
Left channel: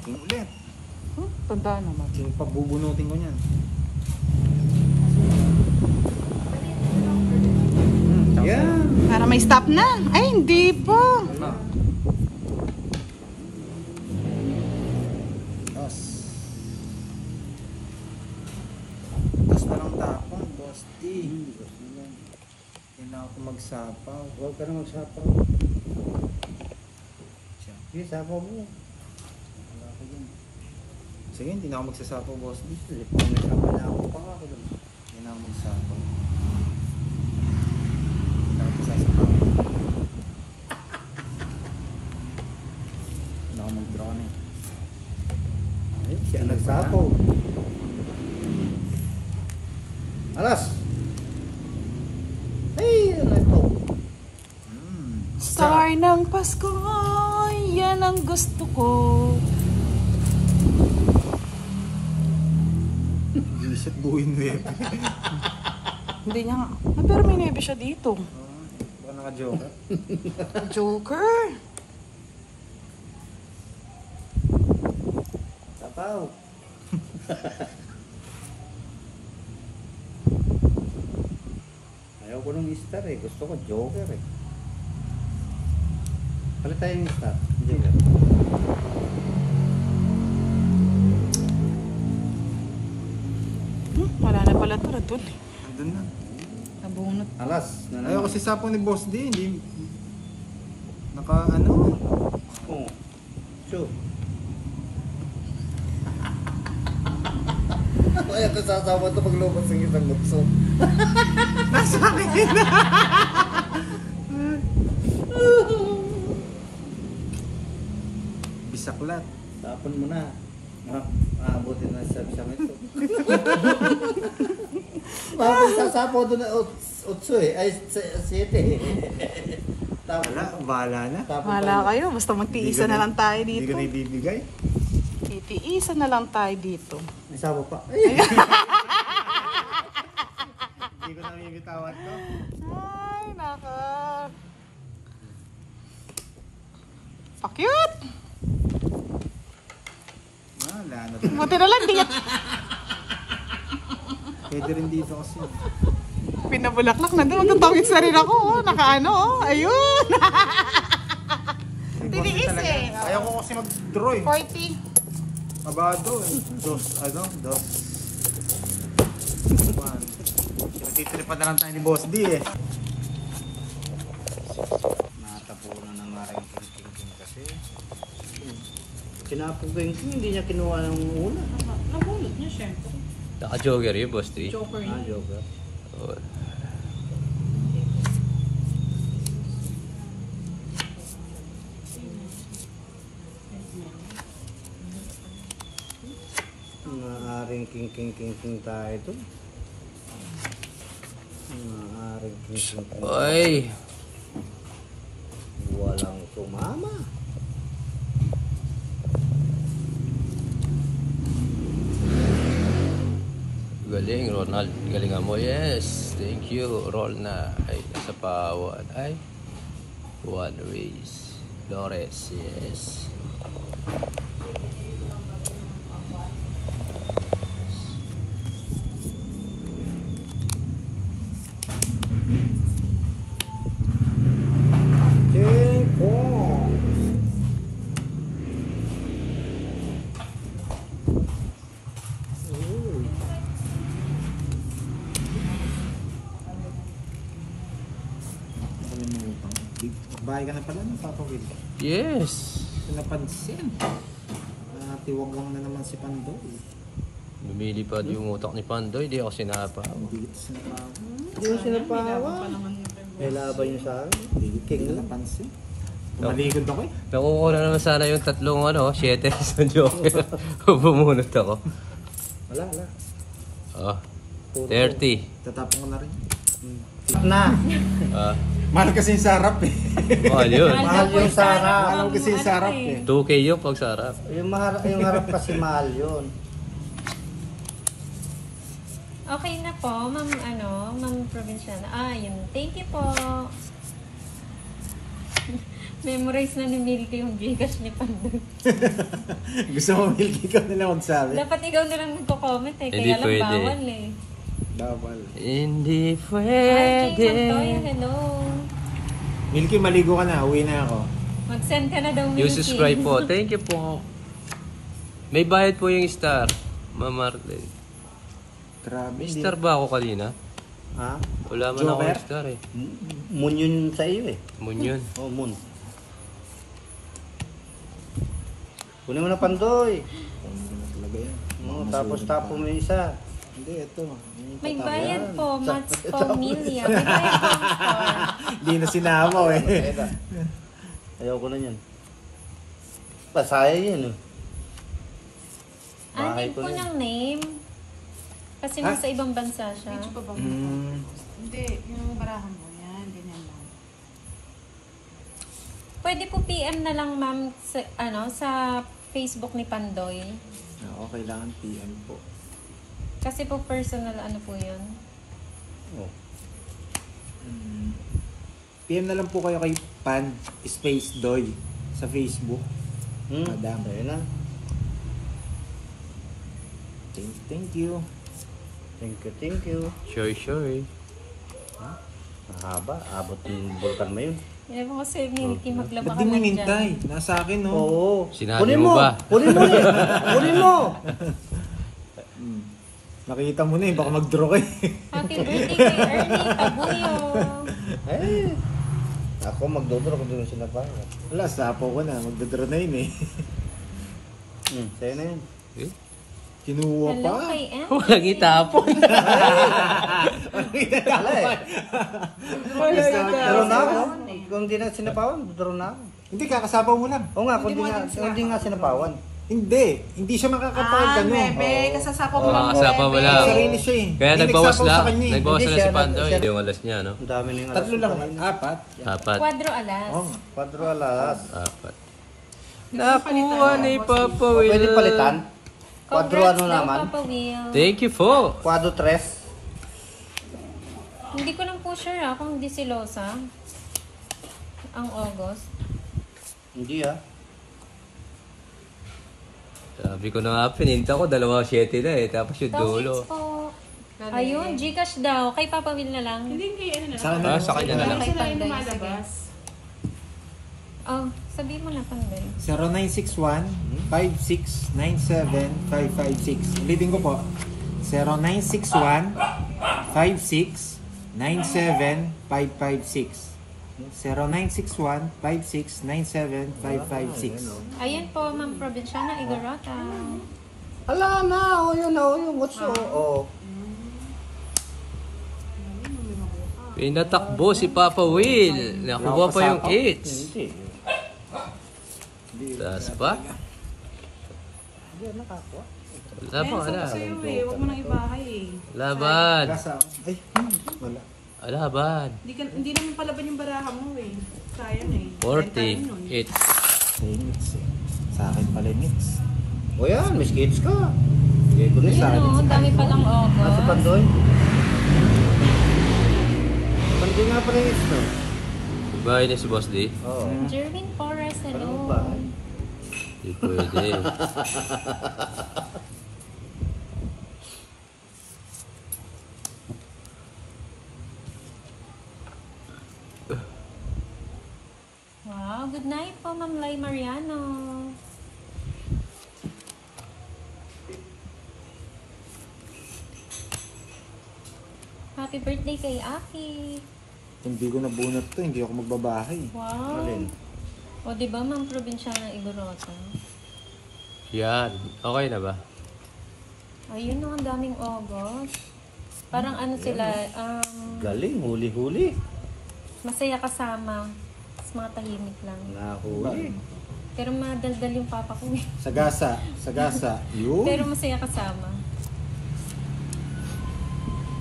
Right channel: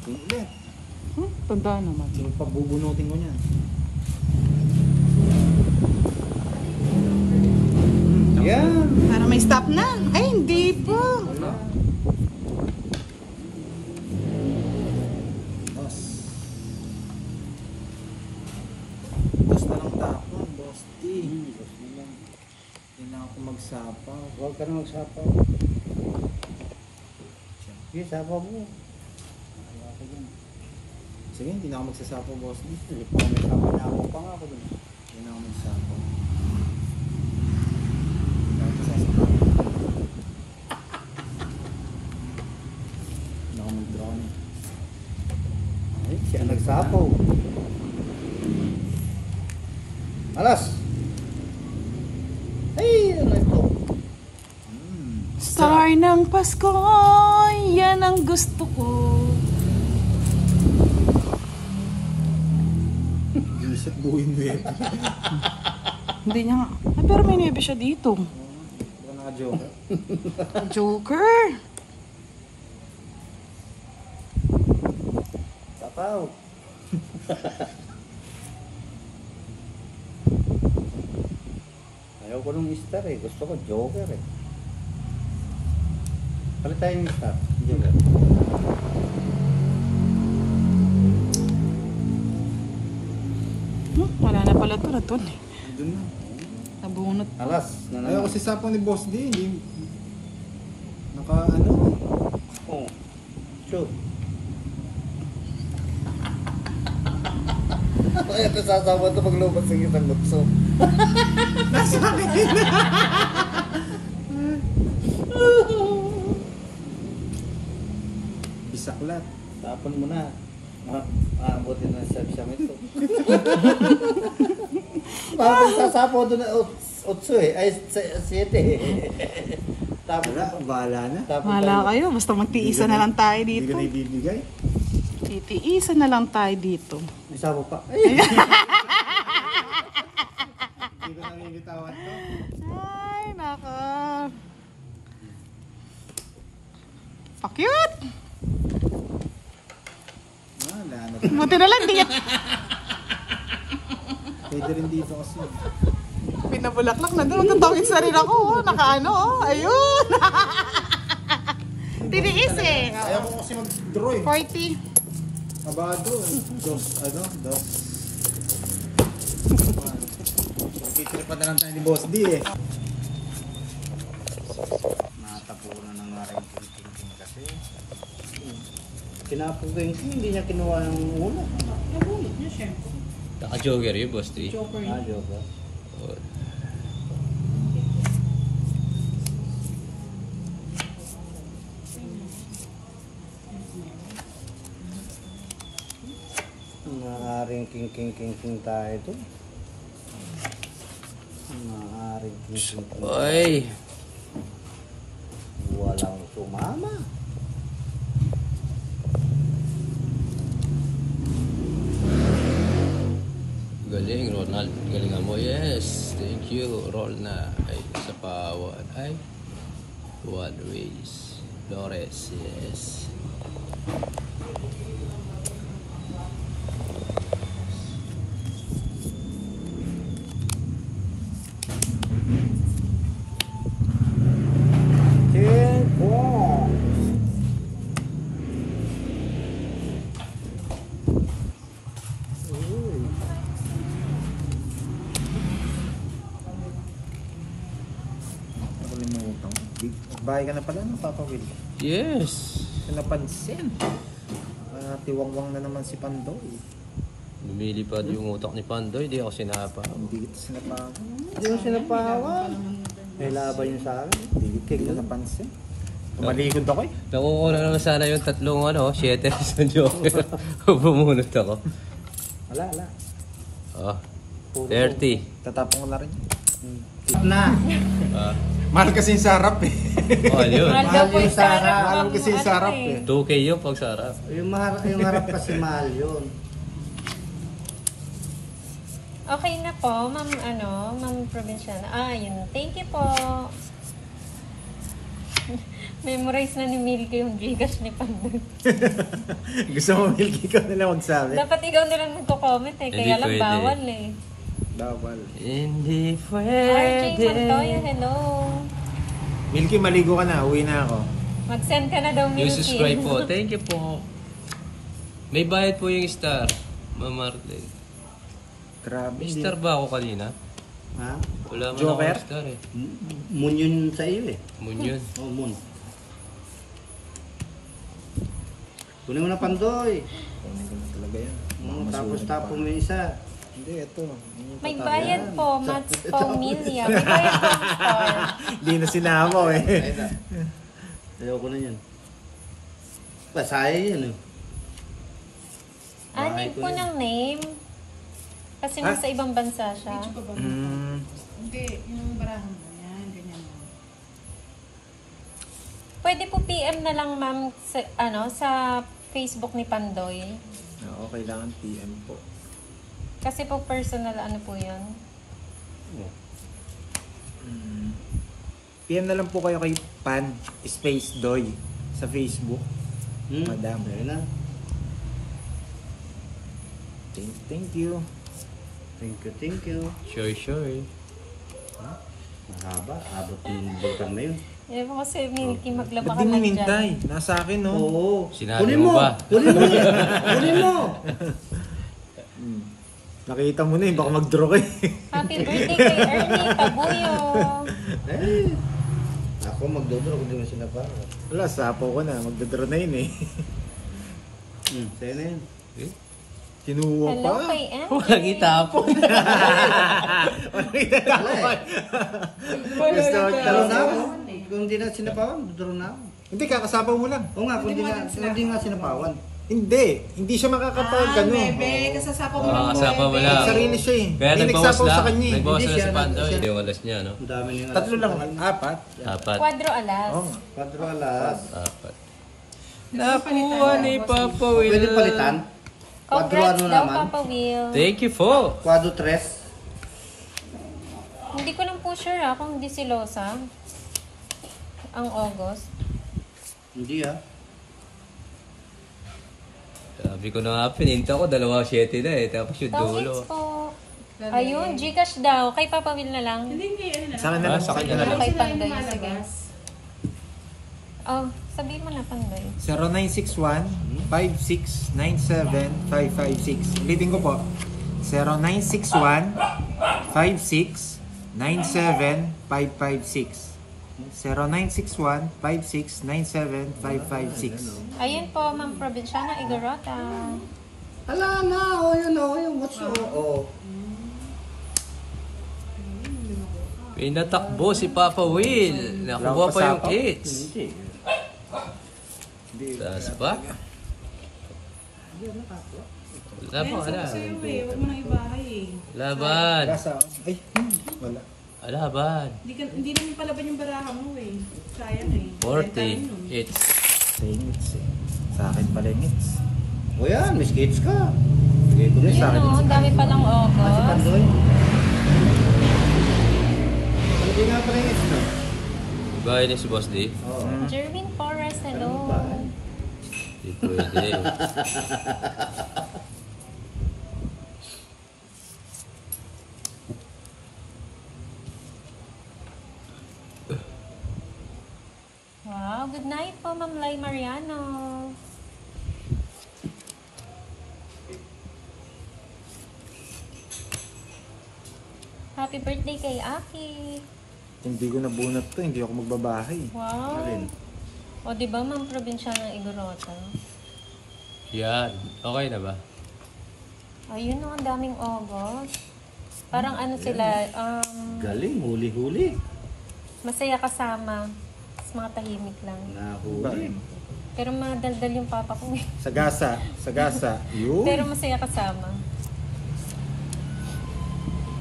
King ulit. Tandaan mo. King pagbubunutin ko yan. Yan! Para may stop na. Ay, hindi po. Wala. Dos. Dos na lang tapon, Boss T. Hindi na ako magsapaw. Huwag ka na magsapaw. Sige, sapaw mo. Wala ka dyan. Sige, hindi na ako magsasapaw, Boss T. Hindi pa may kamanyaw pa nga ako dun. Hindi na ako magsasapaw. Hindi na ako magsasapaw. Hindi na ako mag-drone eh. Ay, siya nagsapaw. Alas! Ay, ano ito? Star ng Pasko, yan ang gusto ko. Isip buhin web. Hindi na nga. Ay, pero may niyabi siya dito. Baka naka-joke. Joker. Sapaw. Ayaw ko nung star eh. Gusto ko joker eh. Palit tayo yung star. Joker. Wala na pala ito na to. Doon na. Nabunot. Alas. Ayaw kasi sapong ni Boss D. Hindi. Naka ano. Oh. Sure. Kaya ito sasama ito pag lumabas ng isang lutso. Bisaklat. Tapon mo na. Buti na sa siyam ito. Bakit sasapo doon na 8 eh. Ay, 7. Tapon Wala, bahala na. Tapon Wala pa kayo. Basta magtiisa na lang tayo Hindi dito. ko na ibibigay. Magtiisa na lang tayo dito. May sapo pa. Ay! Hindi ko na bibitawan to. Ay, naka. So cute. Wala na. Buti na lang. Pwede rin dito kasi. Pinabulaklak na doon. Tawid sa rin ako. Nakaano. Ayun. Tiniis eh. Ayaw ko kasi mag-draw eh. 40. Mabado eh. Dos. Titripan na lang tayo ni Boss D eh. Natapunan na nga rin king kasi. Pinapugay ko, hindi niya kinuha ng una. Nabunot niya siya. Naka-joker yun, Boss T. Joker Ah, yun. joker. Maaaring king tayo ito. Maaaring king. Oy! Walang sumama. Galing, Ronald. Galingan mo. Yes. Thank you. Roll na. Ay, sa pawan. Ay. One race. Flores. Yes. King Kong. Bahay ka na pala ng Papa Will. Yes. Napansin. Tiwagwang na naman si Pandoy. Lumilipad yung utak ni Pandoy, di ako sinapa. Hindi kita sinapawa. Hindi mo sinapawan. May laban yung sa akin. Hindi kita napansin. Malikod ako eh. Nakukuha na naman sana yung tatlong 7 sa Joker. Bumunot ako. Wala. Oh, Puro 30. Tatapon ko na rin. Na. Ah, Mahal kasi yung sarap eh. mahal yun. Mahal yung sarap. Mahal kasi yung sarap eh. 2K yung pag sarap. Yung harap kasi mahal yun. Okay na po, Ma'am Provinciana. Yun. Thank you po. Memorize na ni Milky yung Gcash ni Pandoy. Gusto mo Milky ka nila magsabi? Dapat ikaw na lang magko-comment eh. Hindi Kaya lang pwede. bawal eh. Bawal. Hindi Ay, pwede. Pandoy, hello. Milky, maligo ka na. Uwi na ako. Mag-send ka na daw Yung Milky. subscribe po. Thank you po. May bayad po yung star. Ma'am Marley. Grabe. May star ba ako kanina? Ha? Wala man Joker? ako star eh. Moon yun sa iyo eh. Moon yun. Oh, moon. Kunin mo na Pandoy. Kunin ko na talaga yan. Tapos tapo mo yung isa. Hindi, ito. May bayad po, Mats Tapos- Pamilya. May bayad po. Hindi na sinama eh. Ayoko na yan. Pasaya yun eh. Bahay Atin ko po na yun. ng name. Kasi Ha? nasa ibang bansa siya. Hindi, yung barahan mo. Yan, ganyan mo. Pwede po PM na lang ma'am sa Facebook ni Pandoy. Okay lang, PM po. Kasi po personal po yan. Oh. PM na lang po kayo kay Pan Space Doy sa Facebook. Madam. Ayun na. Thank you. Thank you. Sure eh. Mahaba. Abot ng bulkan mo yun. Eh po kasi Milky maglaba Ba't di mo hintay? Nasa akin, no? Oo. Sinabi Kunin mo mo. ba? Kunin mo. Kunin mo. Nakita mo na eh, baka mag-draw kayo. Happy birthday kay Ernie Tabuyo. Eh. Ako magdodoro kung di mo sinapawa. Wala, sapo ko na. Magdadraw na yun eh. Sa'yo na yun. Eh? Kinuha Hello pa. kay Ann. Walang itapon. Gusto ko Daro na ako. Kung di na sinapawan, daro na ako. Hindi, kakasapaw mo lang. Oo nga, kung di nga sinapawan. Hindi siya makakapag ano. Bebe, nasasapo mo lang. Kasapa mo lang. Sarili siya eh. Kaya Hindi nagbawas nagsapaw lang. sa kanya eh. Nagbawas Hindi lang siya, si Pandoy. siya- Yung alas niya, no? Ang dami niyang alas. Tatlo lang. Apat. Apat. Quadro alas. Oo nga. 4 alas. Apat. Nakuha ni Papa O, Will. pwede palitan? 4 ano Congrats daw, naman? Papa Will. Thank you po. 4 tres. Hindi ko lang po sure kung hindi si Losa ang August. Hindi ah. Sabi ko na nga, pininta ko, 2.7 na eh. Tapos yung dulo. Thanks po. Ayun, Gcash daw. Kay Papa Will na lang. Hindi, ano na. Sa akin na lang. Sa kanya na lang. Sila yung lumalabas. Oh, sabihin mo na Pandoy. 0961-5697-556. Ulitin ko po. 0961-5697-556. 0961-5697-556. Ayun po, Ma'am Provinciana Igorota. Wala na. O yun o. Yung what's o. Pinatakbo si Papa Will. Nakuha pa yung 8. Hindi. Taas pa? Hindi nakakuha. Wala pa, wala. Huwag mo nang ibahay eh. Laban. Gasa. Ay, wala. Laban. Hindi naman palaban yung barahan mo eh. Sayang eh. 48. Mix. Sa akin pala mix. O yan, may skates ka. Hindi ko rin sa akin. Ang dami pa lang Sa Pandoy. Hindi nga pa rin ito. Bahay na si Boss D. Oo. Jervin Torres, Parang hello. magbahay. Hindi pwede. Wow, good night po, Ma'am Lai Mariano. Happy birthday kay Aki. Hindi ko nabunot to, hindi ako magbabahay. Wow. Alin? O, di ba mga probinsya ng Igorota? Yan. Okay na ba? Ayun, ang daming obos. Parang ano sila, Galing, huli-huli. masaya kasama. Mas mga tahimik lang. Nahuli. Pero madaldal yung papa ko. Sagasa, sagasa. Yun. Pero masaya kasama.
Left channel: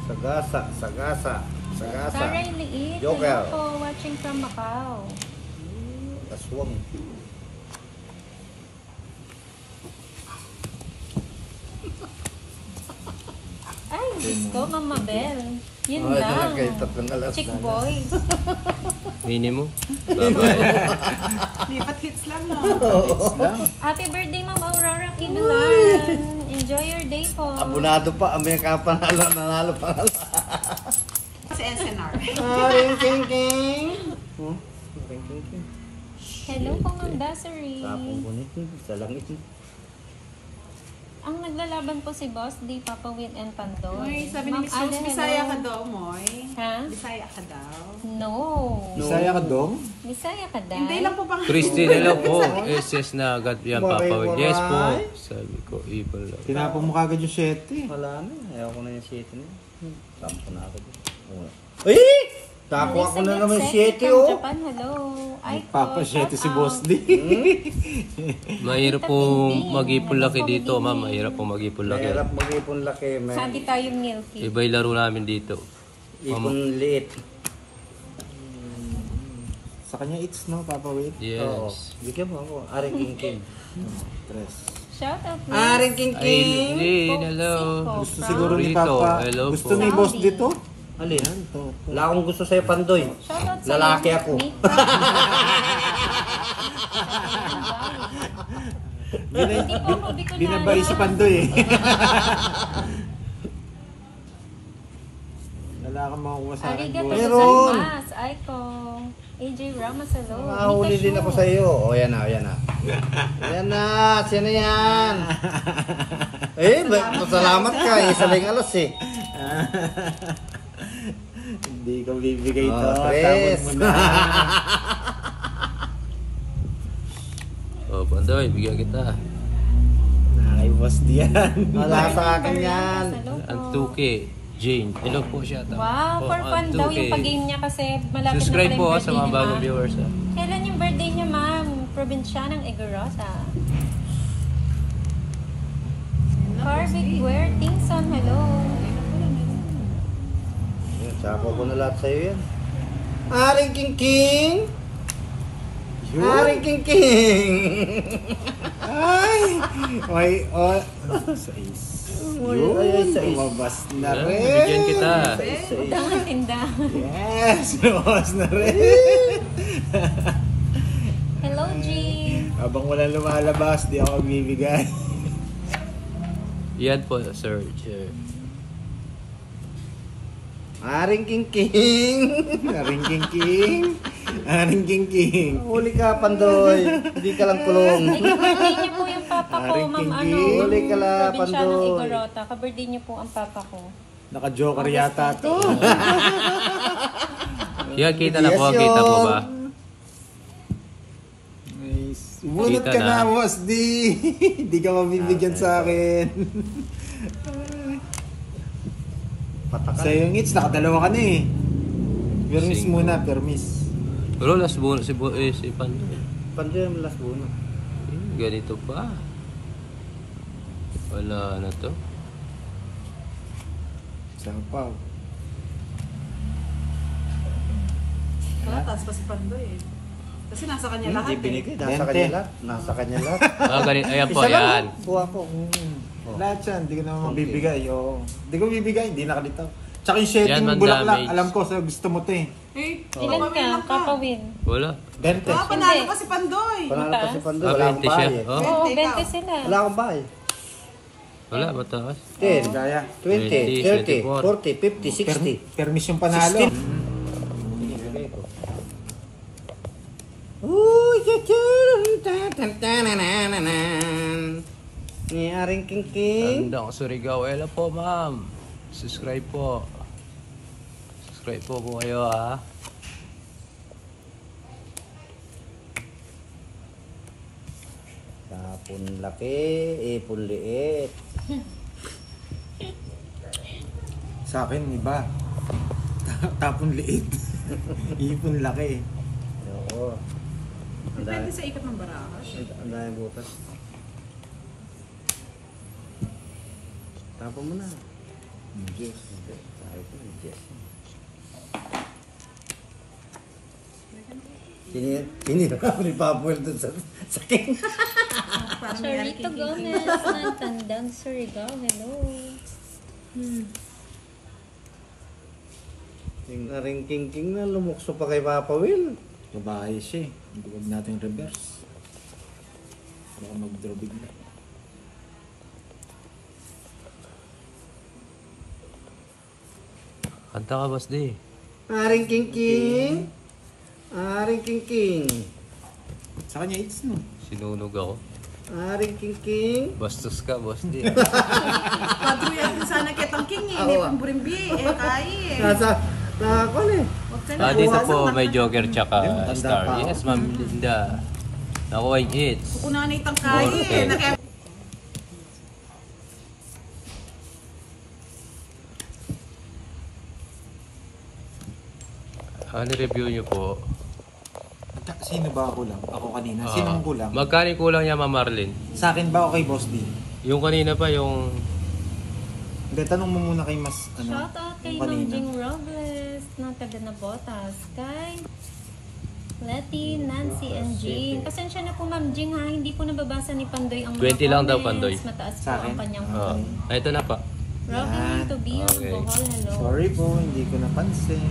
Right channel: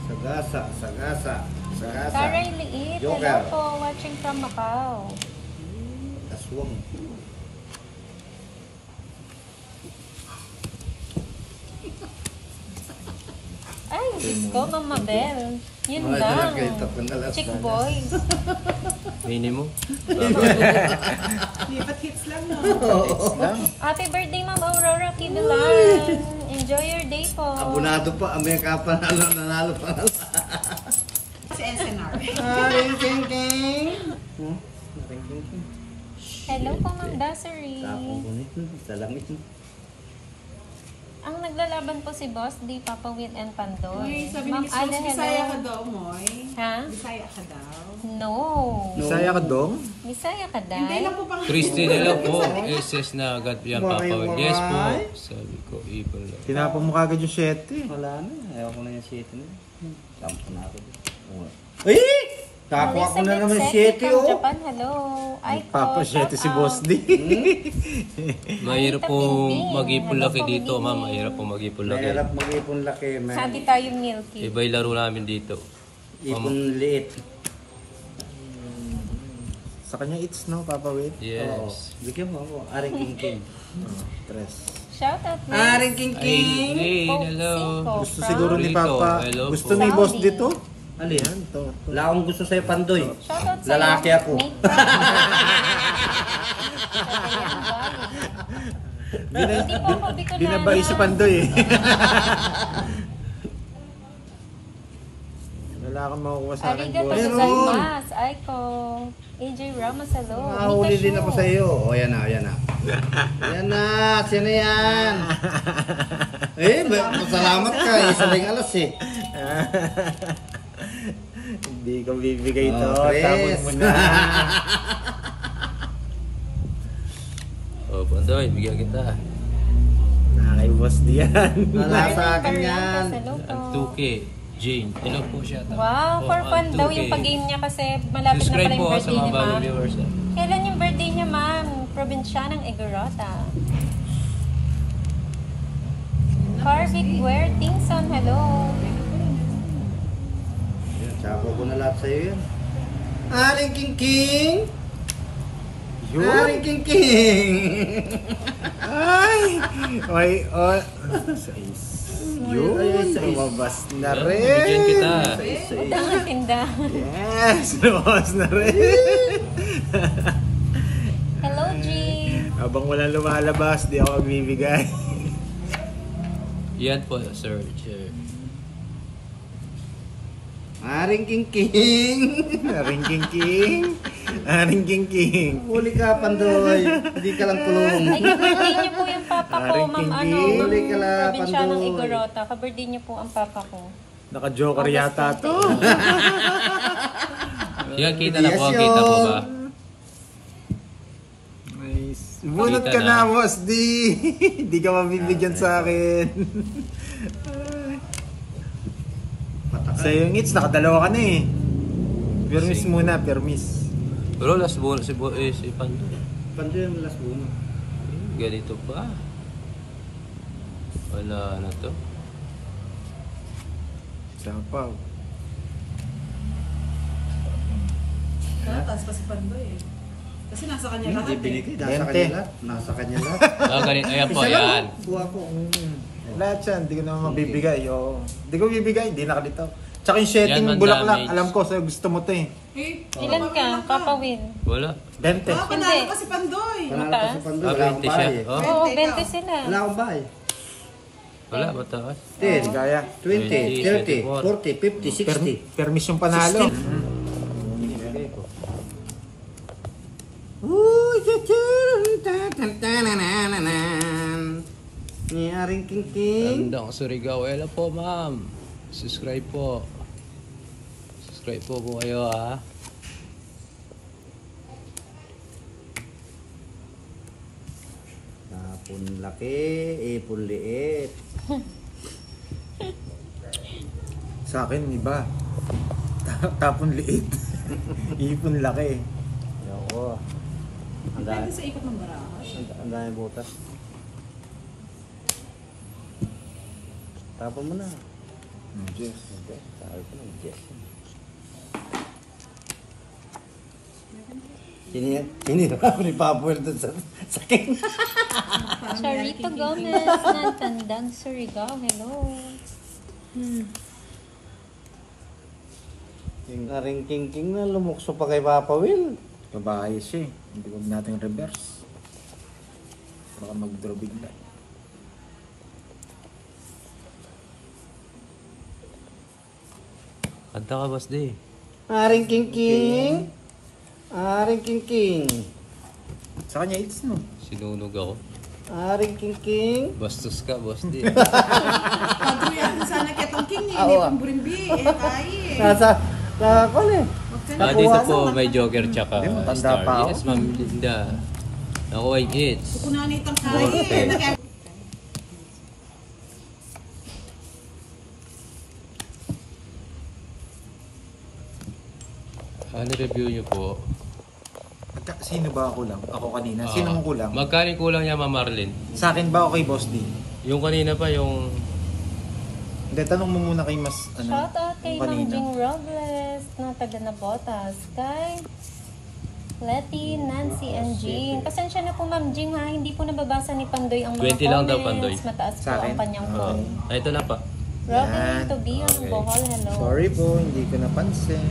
Sagasa, sagasa, sagasa. Karen Liit, Joker. hello po, watching from Macau. Aswang. Ay, Diyos ko, Mama Bell. Yun Ay, lang. talaga yung tatlong alas Chick na. boys. Minimum. Lipat hits lang, no? Happy birthday, Ma'am Aurora Kinulan. Enjoy your day po. Abunado pa, Amerika pa nanalo pa. Si SNR. Ring king king. Ring king king. Hello po, Ma'am Dassery. Kapong kunit sa langit. Ang naglalaban po si Boss, di Papa Will and Pantoy. Uy, sabi ni Sos, Bisaya ka daw, Moy. Ha? Bisaya ka daw. No. Bisaya ka, Dong? Bisaya ka daw. Hindi lang po bang... Christy, hello po. SS na agad yan, Papa. Waray, Yes po. waray. Sabi ko, ipal lang. Tinapon mo kagad yung 7. Wala na. Ayaw ko na yung 7 na. Sampo na ako dito. Uy! Nakakuha ko na naman 7 oh. Japan, hello. Ay, Papa 7 si Boss D. Mahirap po mag-ipon laki dito, ma'am. Mahirap po mag-ipon laki. Mahirap mag-ipon laki. sabi tayo milky. Iba yung laro namin dito. Ipon liit. Sa kanya it's no, Papa Will. Oo. Yes. Bigyan mo ako. Aring king king. Tres. Shout out. Aring king king. Aileen, hello. Gusto siguro ni Dito, Papa. hello Gusto po. ni Boss dito? Alin? Yan, to. Wala akong gusto sa'yo, Pandoy. Lalaki ako. Binabay si Pandoy eh. Wala kang makukuha sa akin, Boss. Meron. Aiko. AJ Ramos, hello. Nakahuli din ako sa iyo. O, yan na, yan na. Yan na, sino yan? Salamat ka. Isa lang alas eh. Hindi ko bibigay ito. Oh, Chris. Tapos mo na. Oh, Pandoy, bigyan kita. Ay, Boss D yan. Wala sa akin yan. Ang 2K. James, hello po siya. Wow, for fun ang daw 2K. yung pag-game niya kasi malapit Subscribe na po pala yung sa birthday mga ni bagong Ma'am. viewers. Kailan yung birthday niya, ma'am? Probinsya ng Igorota. Harvick Ware Tingson, hello. Sako ko na lahat sa'yo yan. Aring king king. Yun. Aring king king. Ay! Ay, oh. Sais. Yun. Ay, sais. Lumabas na Bigyan rin. kita. Tinda. Yes, lumabas na rin. Hello, G. Habang wala lumalabas, di ako magbibigay. Yan po, sir. Aring king king. Aring king king. Aring king king. Huli ka, Pandoy. Hindi ka lang kulong. Aring king king. Huli ka lang, Pandoy. Ka-birthday niyo po ang papa ko. Naka-joker yata to. Yan, kita na po. Yes, Kita po yun. ba? Nice. Bunot Kita ka na. na, Boss D. Hindi ka mabibigyan sa akin. Sa yung hits, nakadalawa ka na eh. Permis muna, permis. Pero last buwan si Pandoy. Pandoy ang last buno. Ganito pa. Wala na to. Sapaw. Taas pa si Pandoy eh. Kasi nasa kanya lahat Hindi binigay. Nasa kanya lahat. Nasa kanya lahat. Galing, ayan po, Isa lang. yan. Kuha ko. Lahat yan, hindi ko naman mabibigay. Oo. Hindi ko bibigay, hindi nakalitaw. Tsaka yung Yan, setting man bulaklak, damage. alam ko, so gusto mo to eh. Eh, Ilan ka? Papa Will. Wala. Dente. panalo pa si Pandoy. Panalo pa si Pandoy. Wala akong bahay eh. Oh, Oo, 20 sila. Wala akong bahay. wala, mataas. 10, Kaya. 20, 30, 40, 50, 60. Permis yung panalo. Binibigay ko. Uy, ni Aring King King. Tanda ko sa Surigao. Hello po, ma'am. Subscribe po. Subscribe po kayo, ha. Tapon laki, ipon liit. Sa akin, iba. Tapon liit. Ipon laki. Oo. Ang Depende dami, sa ikot ng baraha. ang dami butas. Tapon mo na. Yes. Sabi ko na, yes. Sinira ko ni Papuel doon sa king. Charito Gomez ng Tandang Surigao. Hello. Yung aring king na lumukso pa kay Papa Will. Babae siya eh. Hindi ko natin reverse. Baka mag-draw bigla. Kanta ka, Boss D. Aring king. Aring king. Sa kanya, it's no. Sinunog ako. Aring king. Bastos ka, Boss D. Padruyan sana kitang king eh. May pumburimbi eh. Kaya eh. Nasa eh. Dati sa po, may Joker tsaka Hindi mo, tanda Star. pa ako. Yes, ma'am. Linda. Nakuha yung hits. Kukunan itang kaya eh. Naka- Ano review nyo po? Sino ba ako lang? Ako kanina. Sinong kulang? Magkano yung kulang niya, Ma'am Marlene? Sa akin ba o kay Boss D? Yung kanina pa, yung... Hindi, tanong mo muna kay Mas, Shout out kay yung Ma'am kanina. Jing Robles ng taga Nabotas. Kay Letty, Nancy, and Jing. Pasensya na po Ma'am Jing ha. Hindi ko nababasa ni Pandoy ang mga 20 lang daw, comments. Pandoy. Mataas Sa po akin? ang kanyang Oh. comment. Ito na pa. Welcome to Beyond Okay. Bohol. Hello. Sorry po, hindi ko napansin.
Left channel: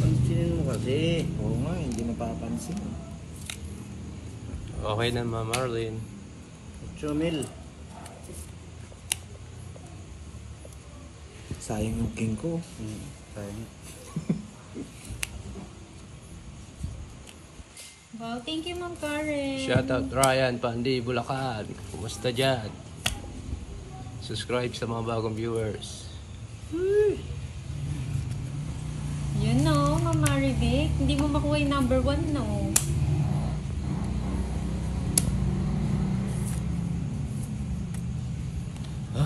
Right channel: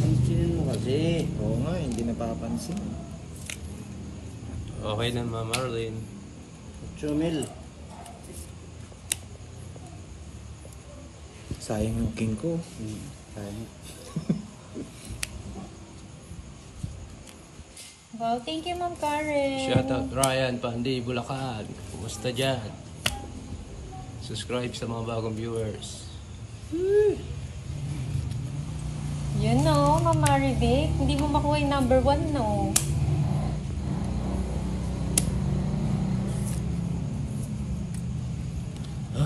Pansinin mo kasi. Oo nga, hindi napapansin. Okay na, Ma'am Marlene. Chumil. Sayang yung king ko. Sayang. Well, thank you Ma'am Karen. Shout out Ryan Pandi, Bulacan. Kumusta dyan? Subscribe sa mga bagong viewers. Yun no, Ma'am Marivic. Hindi mo makuha yung number 1 no.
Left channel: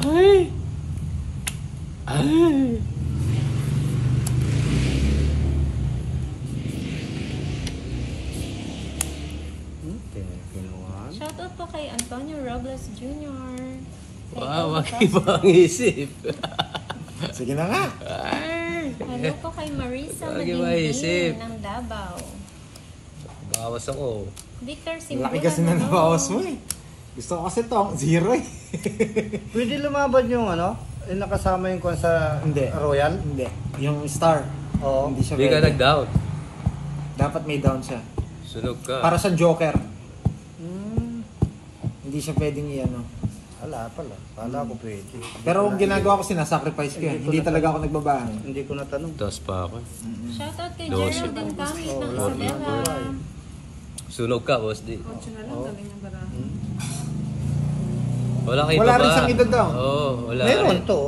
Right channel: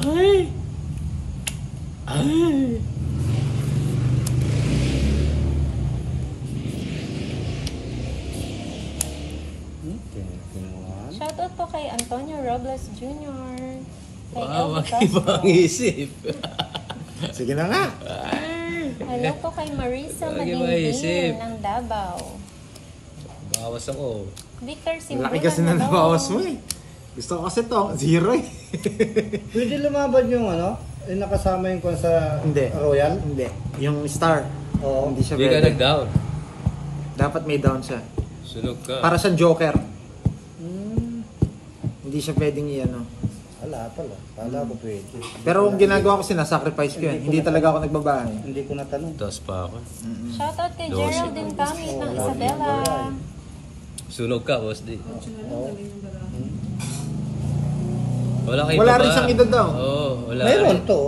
Ay! Ay! Kinuha. Shout out po kay Antonio Robles Jr. Wow, mag-iba ang isip. Sige na nga! Hello po kay Marisa Lagi maisip. Madingin ng Davao. Bawas ako. Victor Ang Silva. laki kasi na nabawas mo eh. Gusto ko kasi to, 0 eh. Pwede lumaban yung ano? Yung nakasama yung kung sa Hindi. Royal? Hindi. Yung star. Oo. Hindi siya Hindi ka pwede. nag-down. Dapat may down siya. Sunog ka. Para sa Joker. Hmm. Hindi siya pwedeng i-ano. Wala pala. Pala ko pwede. Pero ang ginagawa ko, sinasacrifice ko yan. Hindi ko Hindi na- talaga ako nagbabahan. Hindi ko natanong. Tapos pa ako. Shout out kay Dosi. Geraldine Camit Oh, ng wala naman Isabela. babae. Sunog ka, Boss D. Oo. Wala kayo Wala ba? rin siyang idol-down. Oo, wala. Mayroon to.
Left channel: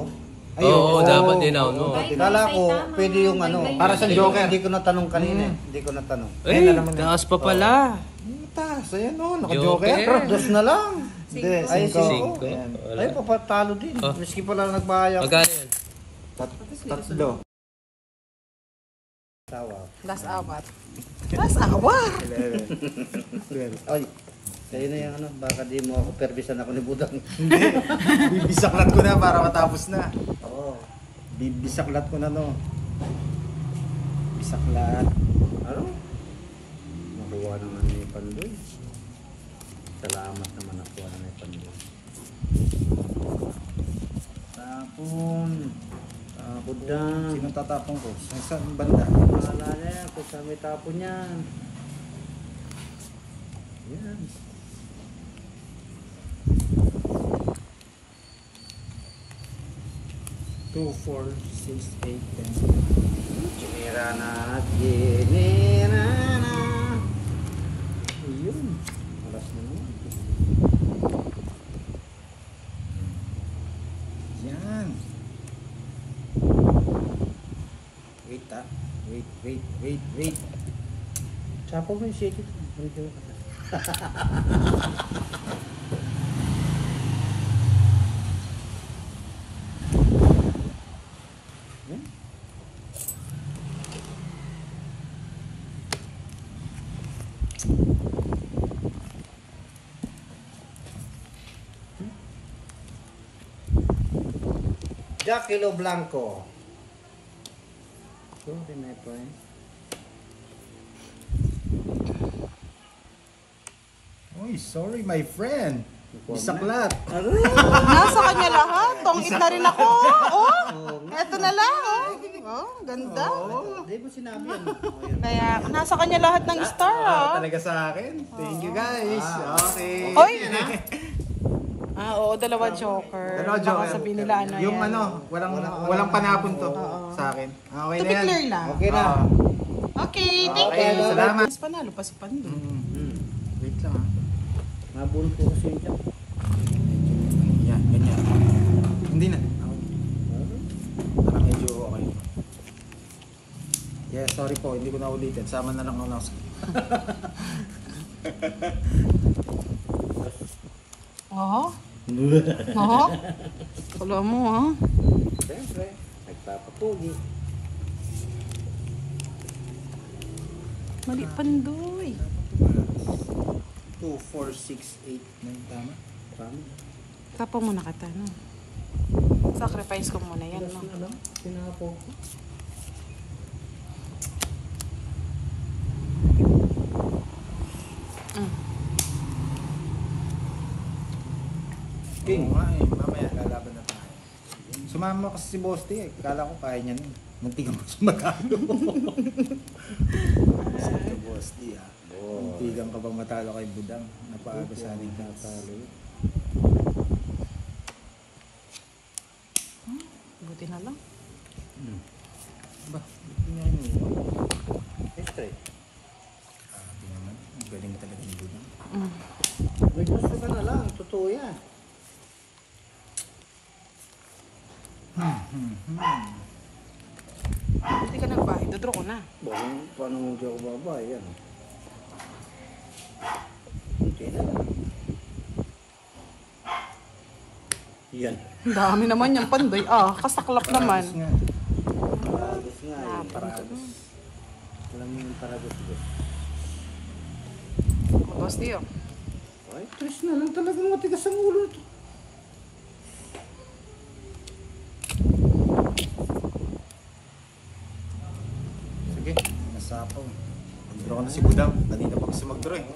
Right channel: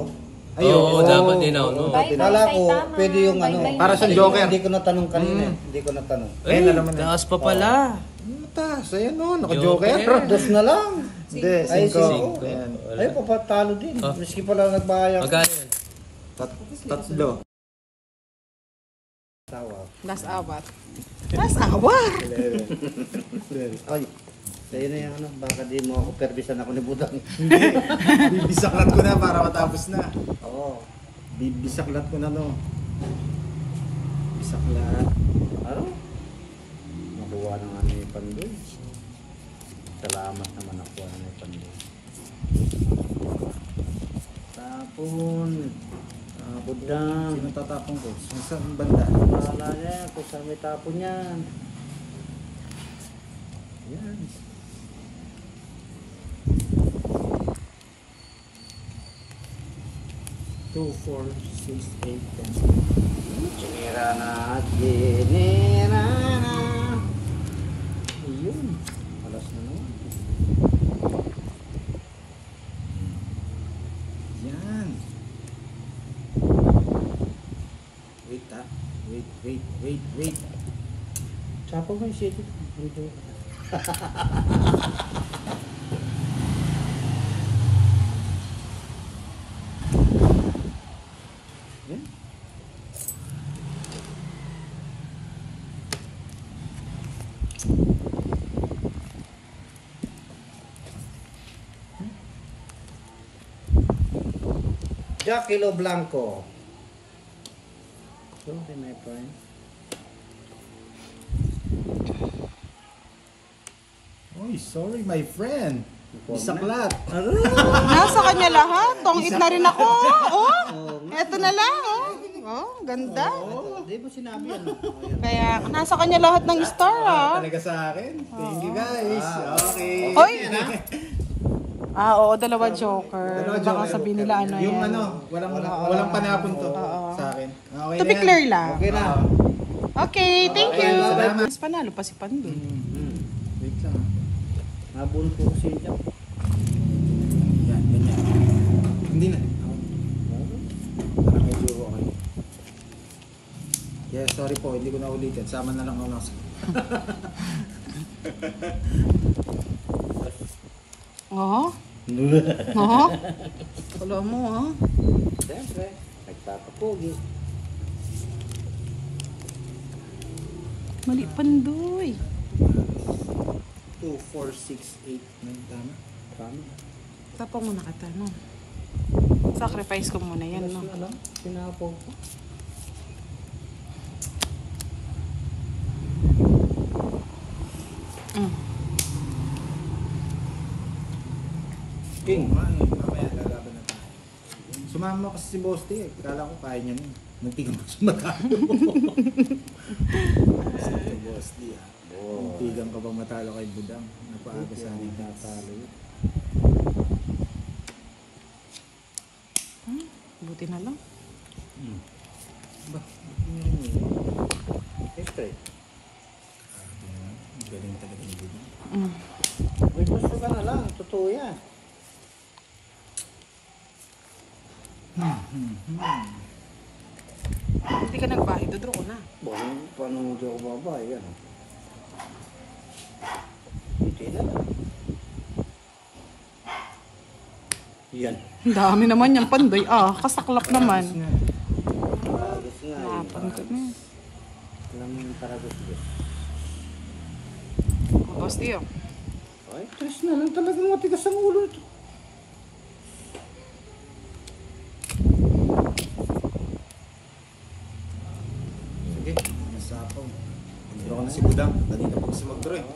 Ayun. Oo, dapat din ako. No? Ay, Kala ko tama. pwede yung ano. Para sa Hindi ko- Joker. Hindi ko natanong kanina eh. Hindi ko natanong. Ayun na naman. Taas pa pala. Taas, ayan o, Joker. naka-Joker. Dos na lang. Hindi, Ay, 5. cinco. Ayan. Ay, papatalo din. Oh. Miski pala nagbayad. Magkano yan? Tatlo. Tawa. Last hour. Ay, kayo na yung ano. Baka di mo ako perbisan ako ni Budang. Bibisaklat ko na para matapos na. Oo. Bibisaklat ko na no. Bisaklat. Ano? Nakuha na nga ni Pandoy. Salamat naman nakuha na ni Pandoy. Tapon. Budang. Sino tatapong ko? Saan banda? Wala niya kung saan may tapon yan. Yan. Two, 4, 6, 8, 10. Sinira na at ginira na. Ayun. Alas na naman. Yan. Wait. Tsapa mo yung shake it. Hindi ko- Jack Kilo Blanco. Sorry, my friend. Uy, sorry my friend. Isaklat. Nasa kanya lahat. Tungit na rin ako. Oh, eto na lang. Oh, ganda. Di ba sinabi yan? Kaya nasa kanya lahat ng star. Talaga sa akin. Thank you guys. Okay. Oo, dalawa joker. Dalawa joker. Baka sabihin nila ano. Yung ano, walang panapon to sa akin. Okay To na be yan. clear lang. Okay na. Okay, thank you. Salamat. Mas panalo pa si Pandoy. Wait lang ha. Nabun ko kasi yung Jack. Yan, ganyan. Hindi na. Parang medyo okay. Yeah, sorry po, hindi ko na ulitin. Sama na lang ako na. Oh? Wala mo ha? Siyempre, nagpapapugi. Mali Pandoy. 2, 4, 6, 8. Tama? Tama. Tapos mo nakatanong. Sacrifice ko muna yun. Alas na lang. Sinapo ko. King. Oo nga eh, mamaya lalaban na tayo. Sumama kasi si Boss T eh. Kala ko kaya niya nun. Muntikan ko sa matalo. Si Boss T ah. Muntikan ka bang matalo kay Budang? Napaaga sa aling Tatalo. Buti na lang. Ba, buti nga yun eh. Siyempre. Grabe naman. Ang galing talaga yung Budang. May gusto ka na lang. Totoo yan. Hindi ka nagpahid. Dodraw ko na. Paano mo di ako babae? Yan o. Hindi na lang. Yan. Ang dami naman yung Pandoy. Kasaklak naman. Paragos nga. Paragos nga yun. Paragos. Alam mo yung paragos ko. Boss Tio. Ay, tres na lang talagang matigas ang ulo ito. Sige, nasapaw. Mag-draw na si Budang. Kanina pa kasi mag-draw eh.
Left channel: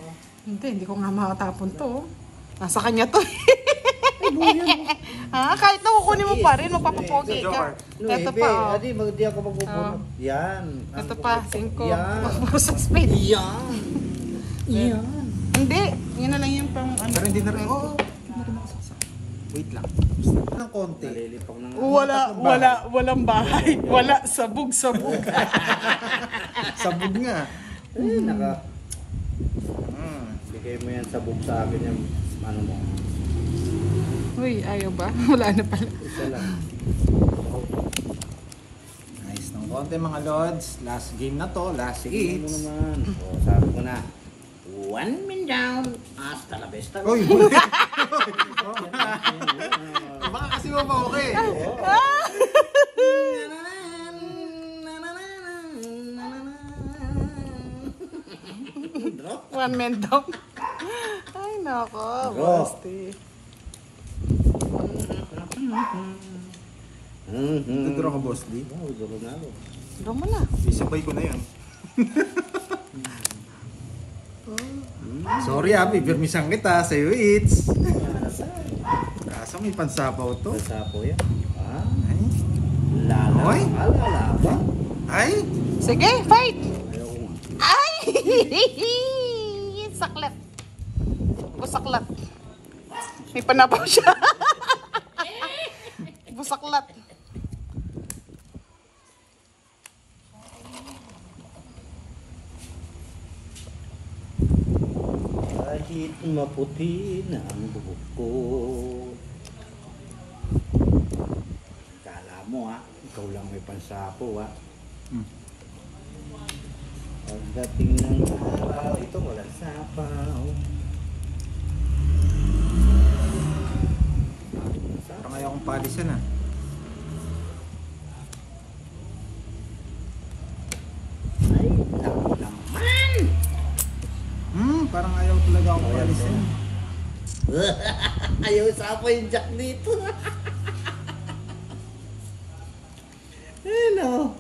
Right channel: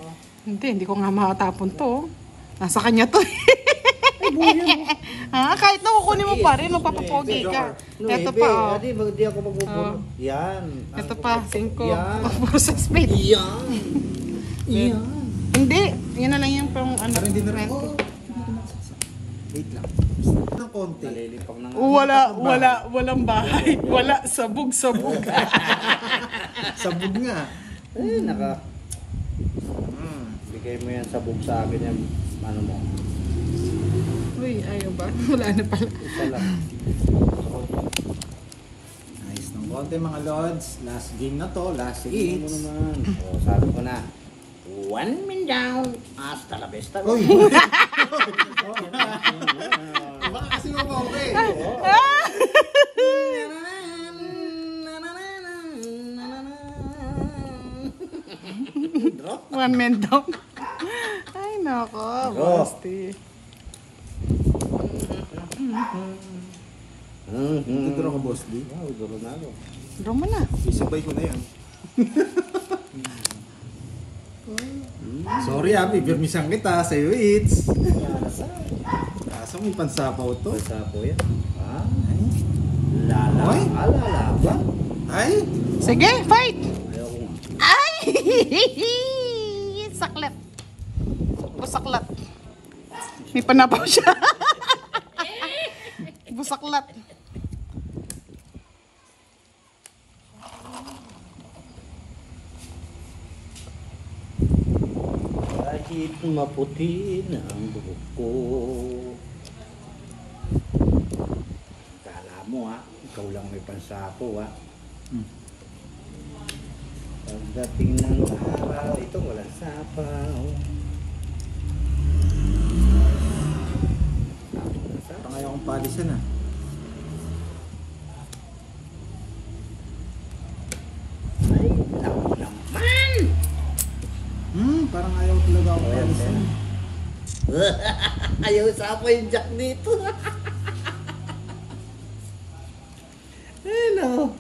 Hindi ko nga makatapon to. Nasa kanya to. Ay, buhay yan o. Kahit na kukunin mo pa rin, magpapapogi ka. Joker. Ito Nuebe, pa, adi, di ako magbubunot. Yan. Ito pa, 5. Yan. Speed. Yan. Yan. Hindi, yun na lang yung pang ano. Pero hindi na rin. Wait lang. Ng konti. Nalilipang na nga. Walang bahay. Wala, sabog. Sabog nga. Eh, bigay mo yan sabog sa akin yung ano mo. Uy, ayaw ba? Wala na pala. Isa lang. Nice ng konti mga lords. Last game na to. Last Sige mo hits. naman. O, sabi ko na. 1 min down. Hasta la vista. Uy! Baka kasi okay. Drop. 1 minute daw. Ay, nako. Drop. Tuturo ko, Boss Lee. Wow, duro na ako. Draw mo na. Isabay ko na yan. Sorry pipirmisan kita sa hits. Kaso may pansapaw to. Basta po yan. Ah, Oy. lalaban. Ay! Sige, fight! Ayoko nga. Ay! Saklat. Busaklat. May panapaw siya. Busaklat. Kahit maputi na ang buhok ko. Kala mo ikaw lang may pansapo Pagdating ng araw, ito walang sapaw. Parang ayaw kong palisan ah. Ay, naku naman! Parang ayaw talaga akong Oh, yan, palisan. yan. Ayaw sapaw yung jack dito. Hello.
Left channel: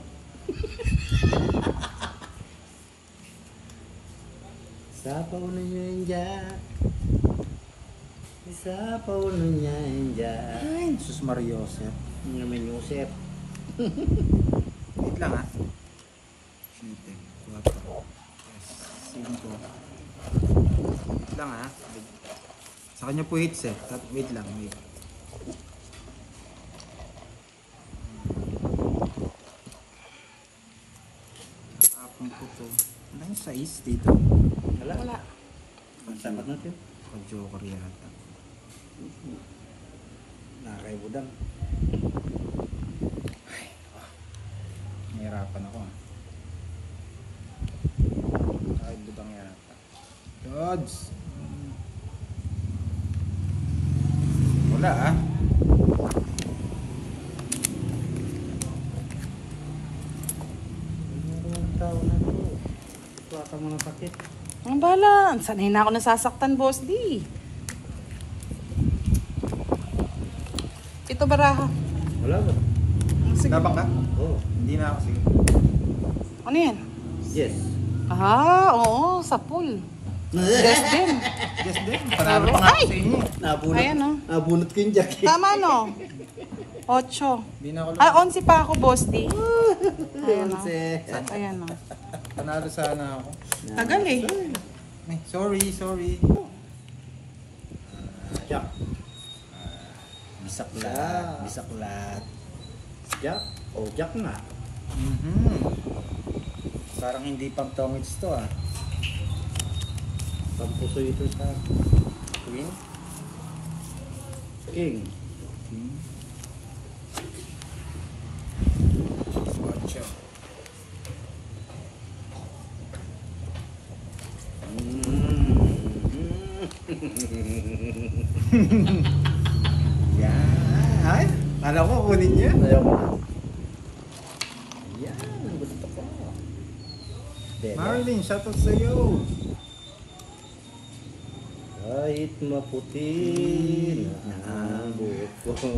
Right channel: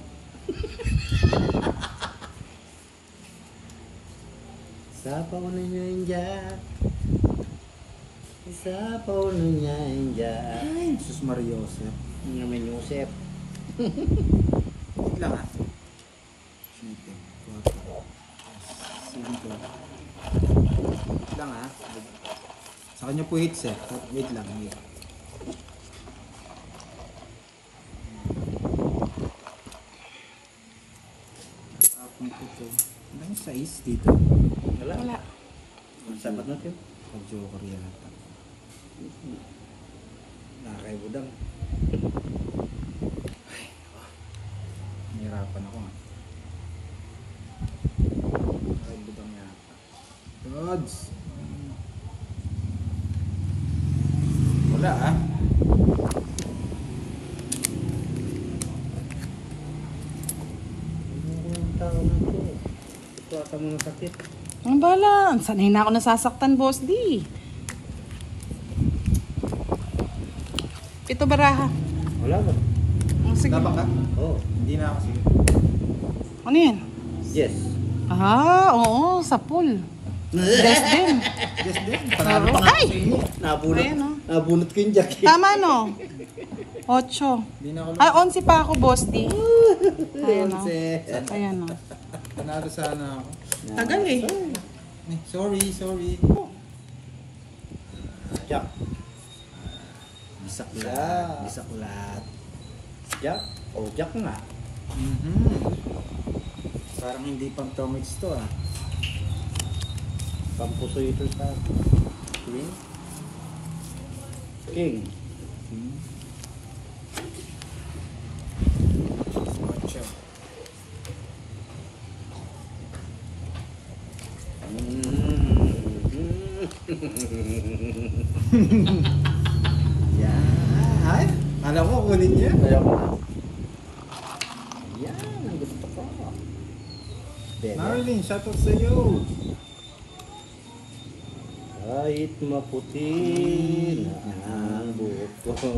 Sapaw na niya yung jack. Isapaw na niya yung jack. Ay, Jesus Mariosep. Ang naman yung Yusef. Wait lang ah. 7, 4, 5. Wait lang ah. Sa kanya po hits eh. Wait lang, wait. Tapon ko to. Ano yung size dito? Wala na. Sapat natin. Joker yata. Nakakaibudang. Nahirapan ako ah. Ay, budang yata. Dodge! Wala ah. Ano ko yung tao na to? Ito ata mo na sakit. Ang bala. Sanay na ako nasasaktan, Boss D. Ito baraha. Wala ba? Oh, sige. Nabak ka? Oo. Hindi na kasi. Ano yan? Yes. Oo, sa pool. Yes din. Panalo pa nga ako sa inyo. Nabunot. Ayan, oh. Nabunot ko yung jacket. Tama, no? 8. Hindi na ako lang. 11 pa ako, Boss D. Yun si. Ayan, oh. Panalo sana ako. Tagal eh. Ay, sorry. Jack. Bisaklat. Bisaklat. Jack? Oh, Jack nga. Parang hindi pang tongits to ah. Pampuso ito sa Queen. King. 8. Yan. Ay, alam ko kunin niya. Ayaw ko. Yan, ang gusto ko. Dede. Marlene, shoutout sa iyo. Kahit maputi na ang buhok ko,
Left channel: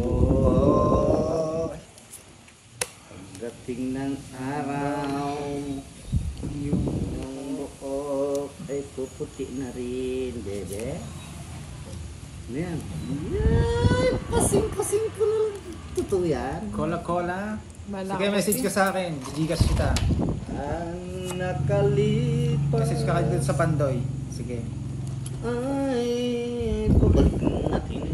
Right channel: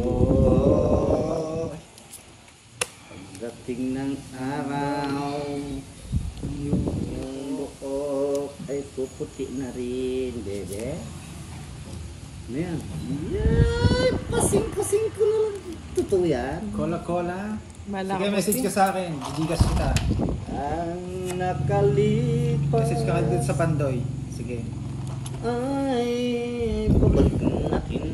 pagdating ng araw, yung buhok ay puputi na rin, bebe. Ano yan? Yan! Pasing-kasing ko na. Totoo yan. Cola. Malaki. Sige, message ka sa akin. Gigas kita. Ang nakalipas Message ka dun sa Pandoy. Sige. ay pabalik natin.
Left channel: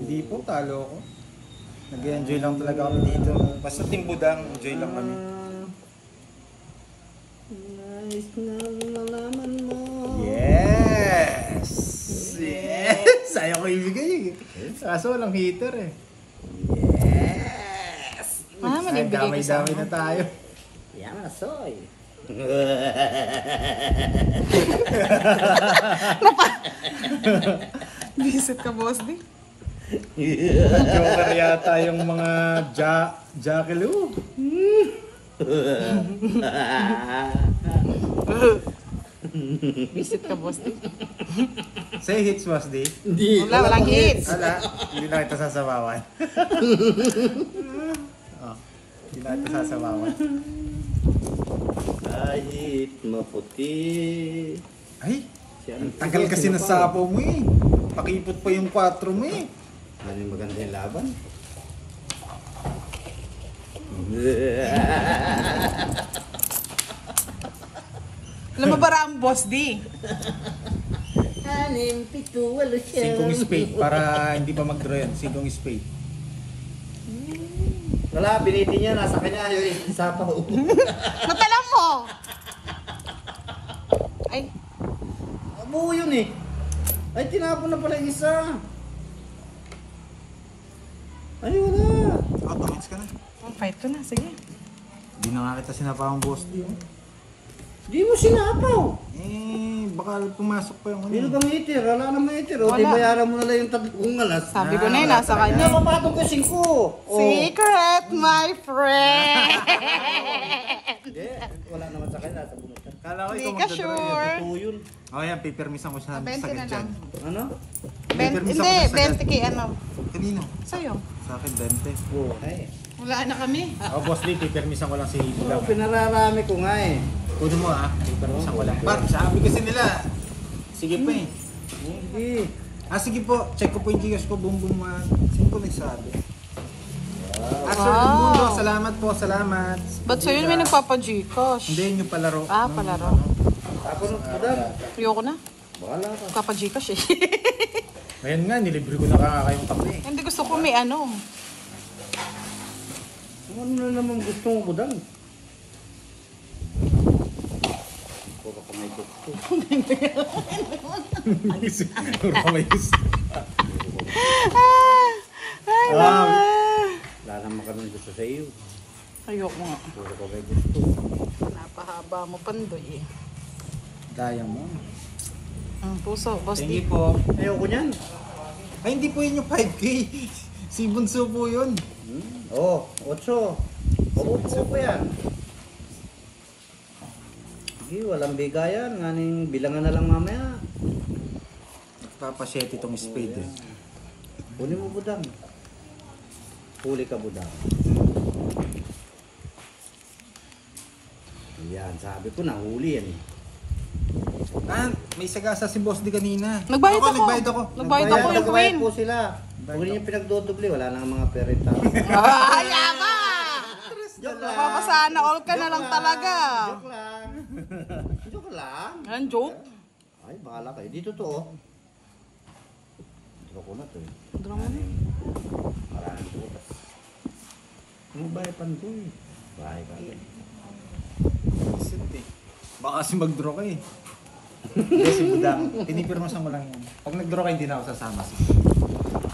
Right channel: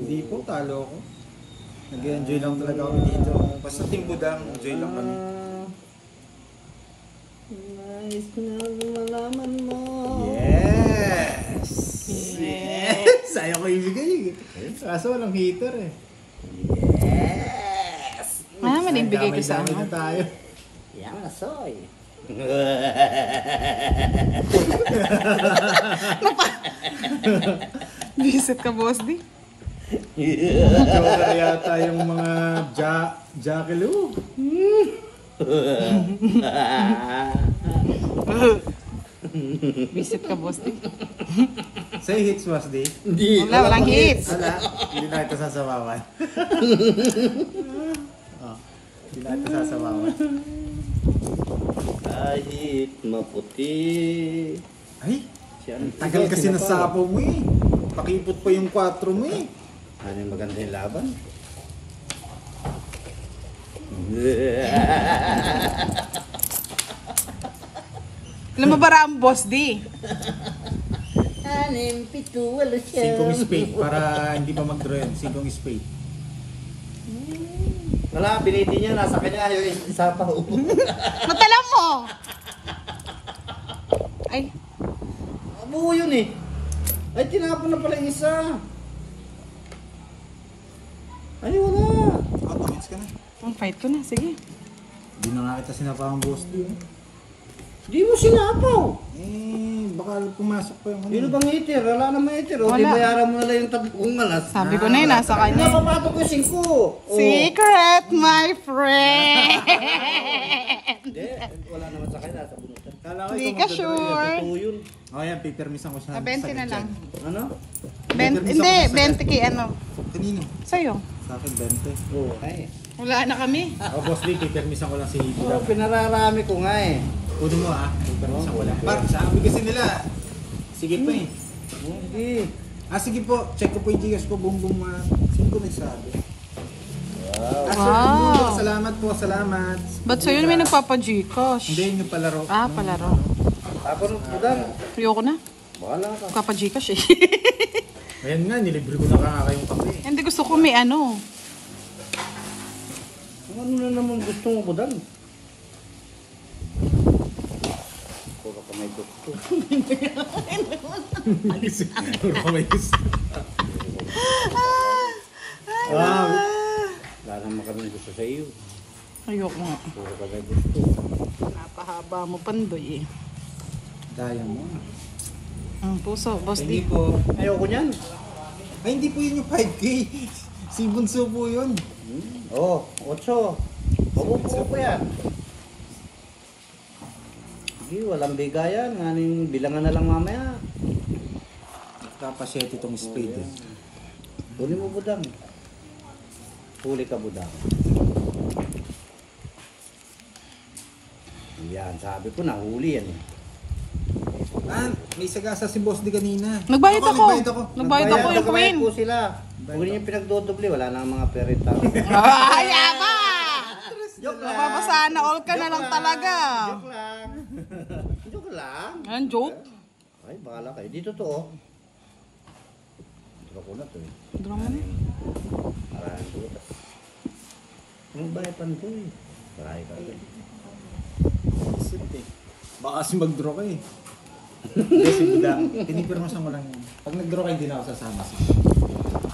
Hindi po, talo ko. Nag-enjoy lang talaga kami dito. Basta Team Budang, enjoy lang kami. Nice na malaman mo. Yes! Yes! Ayaw ko ibigay eh. Kaso walang heater eh. Yes! Ah, Ay, manibigay ko sa damay-damay na tayo. Yaman na soy. Visit ka, Boss D. Joker yata yung mga Jackaloo. Visit ka, Boss D. Say hits was di. Hindi, wala pang hits. Wala, hindi na kita sasabawan. Oh, hindi na kita sasabawan. Kahit maputi. Ay, Siya, tagal kasi ng sapo mo eh. Pakipot pa yung 4 mo eh. Ano yung maganda yung laban? Alam mo ba ang Boss D? 6, 7, 5 spade para hindi pa mag-draw yun. 5 spade. Wala, biniti niya, nasa kanya yung isa pa. Matala mo! Ay, Buo yun eh. Ay, tinapon na pala yung isa. Ay, wala. Comments ka na. fight ko na, sige. Hindi na nga kita sinapawang boss D. Di mo sinapaw. Baka pumasok pa yung ano. Sino bang itir? Wala naman itir. O, di bayaran mo na lang yung 3 alas. Sabi ko na yun, nasa kanya. Napapatong ko yung 5. Secret, my friend! Hindi, wala naman sa kanya. Nasa bunutan. Kala ko Hindi ikaw ka magdadrawing. sure. Totoo yun. Oh, yan, pipirmisan ko siya. 20 na lang. Ano? Pipirmisan ko Hindi, na sa 20 kay ano. Kanino? Sa'yo. Sa akin, 20. Oo, ay. Wala na kami. Oh, boss D, pipirmisan ko lang si Hito. Oo, pinararami ko nga eh. Kunin mo pipirmisan ko lang. Par, sabi kasi nila. Sige pa eh. Hindi. Sige po, check ko po yung Gcash ko, boom boom. Sino ko nagsabi? Wow. Sir Mundo, salamat po, salamat. Ba't sa'yo may nagpapa-Gcash? Hindi, yung palaro. Palaro. Tapos ng budang. Ayoko na. Bahala ka. Papa-Gcash eh. Ngayon nga, nilibre ko na kayong kape. Hindi gusto ko may ano. Ano na naman gusto mo budang? Puro ka may gusto. Puro ka may gusto. Wala naman kami gusto sa iyo. Ayoko na. Puro ka may gusto. Napakahaba mo pandoy eh. Daya mo. Ang puso, Hindi Boss D. po. Ayoko niyan. Ay, hindi po yun yung 5K. Si Bunso po yun. Oo, 8. Mabubuo ko yan. Sige, walang bigayan. Nganing bilangan na lang mamaya. Nagpapasyete itong speed eh. Huli mo budang. Huli ka budang. Yan, sabi ko na huli yan eh. May sagasa si Boss D kanina. Nagbayad ako. Nagbayad ako. Nagbayad po sila. Huwag niyo pinagdodoble. Wala nang mga perenta. Joke lang. Sana all ka na lang talaga. Joke lang. Joke lang. Ang joke? Ay, bahala kayo. Dito to oh. Dito ko na to eh. Maraming butas. Ang bayad pan to eh. Bahay ka agad. Baka kasi mag-draw ka eh. Hindi, si Budang. Tinipirmasan mo lang yun. Pag nag-draw ka, hindi na ako sasama.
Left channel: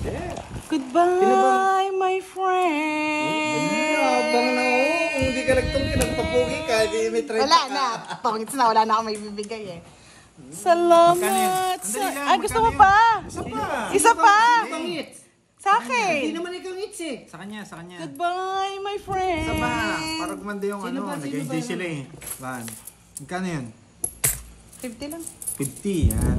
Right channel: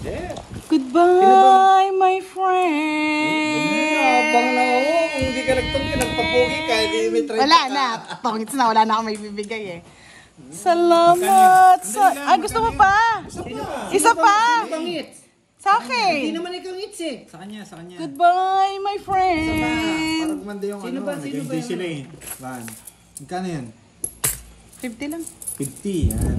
Yeah. Goodbye, my friend. Abang na ako. Kung hindi ka nagtungki, nagpapugi ka, hindi may 30 Wala ka. na. Pangit na, wala na akong may bibigay eh. Salamat! Gusto mo pa? Isa pa? Sino pangit? Sa akin. Hindi naman ikaw ngits eh. Sa kanya, sa kanya. Goodbye, my friend. Isa pa. Para gumanda yung Sino ano. ba? Sino Nag-enjoy ba? sila eh. Van. Magkano yan? 50 lang. 50. Yan.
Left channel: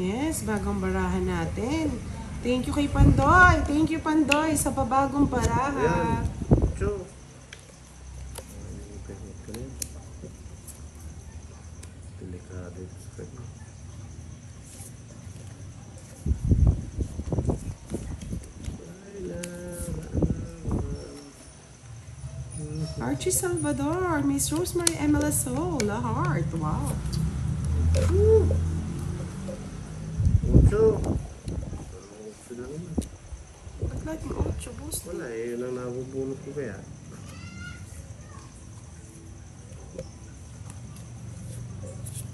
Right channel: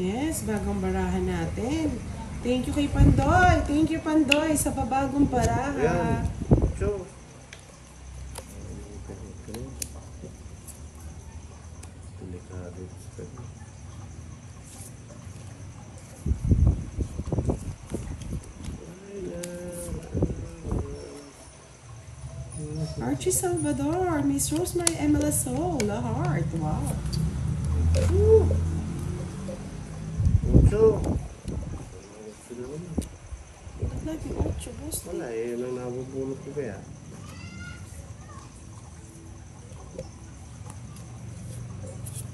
Yes, bagong barahan natin. Thank you kay Pandoy. Thank you, Pandoy, sa pabagong baraha. Ayan. So. Delikado. Archie Salvador, Miss Rosemary Emela Soul, a heart. Wow. So. Ba't laging 8, boss? Wala eh. Yun ang nabubunot ko kaya.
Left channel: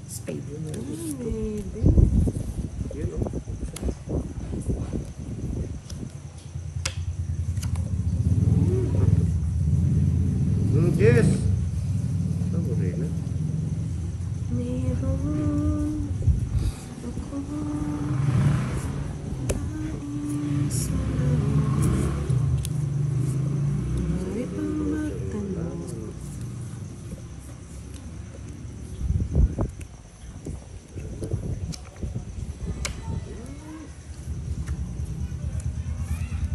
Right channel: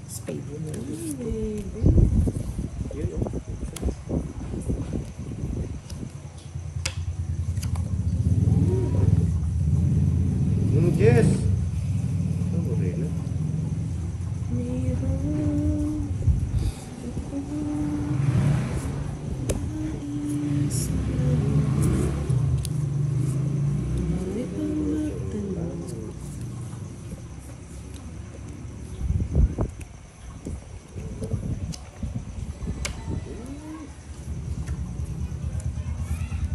Spade. Maybe. Yun o. Yes. Ano rin na? Meron ako nais na may pagtanong.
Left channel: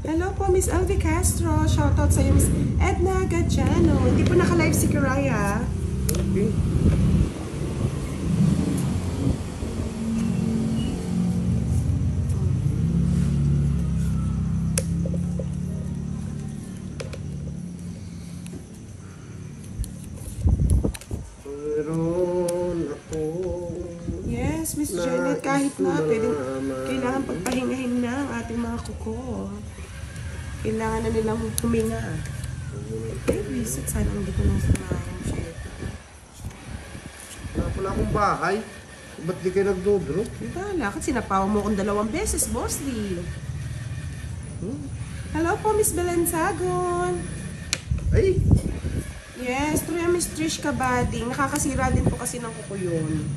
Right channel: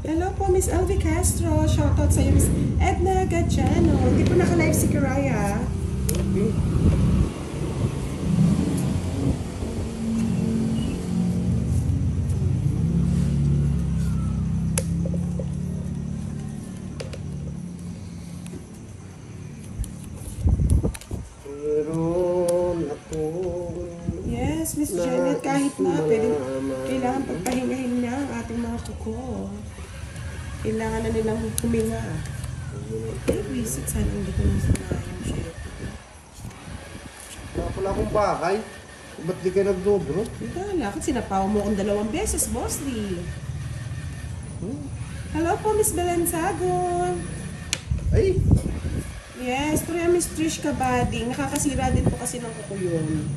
Hello po, Miss Elvie Castro. Shoutout sa iyo, Miss Edna Gadiano. Hindi po naka-live si Karaya. Okay. Meron akong Yes, Miss Janet, kahit na pwede, kailangan pagpahingahin na ang ating mga kuko. Kailangan na nilang huminga. Ay, visit. Sana hindi ko nang sanayan siya. wala pala akong bahay. Ba't di kayo nagdodro? Wala, kasi sinapaw mo akong 2 beses, Boss D. Hello po, Miss Belensagon. Ay! Yes, true yan, Miss Trish Kabading. Nakakasira din po kasi ng kuko yun.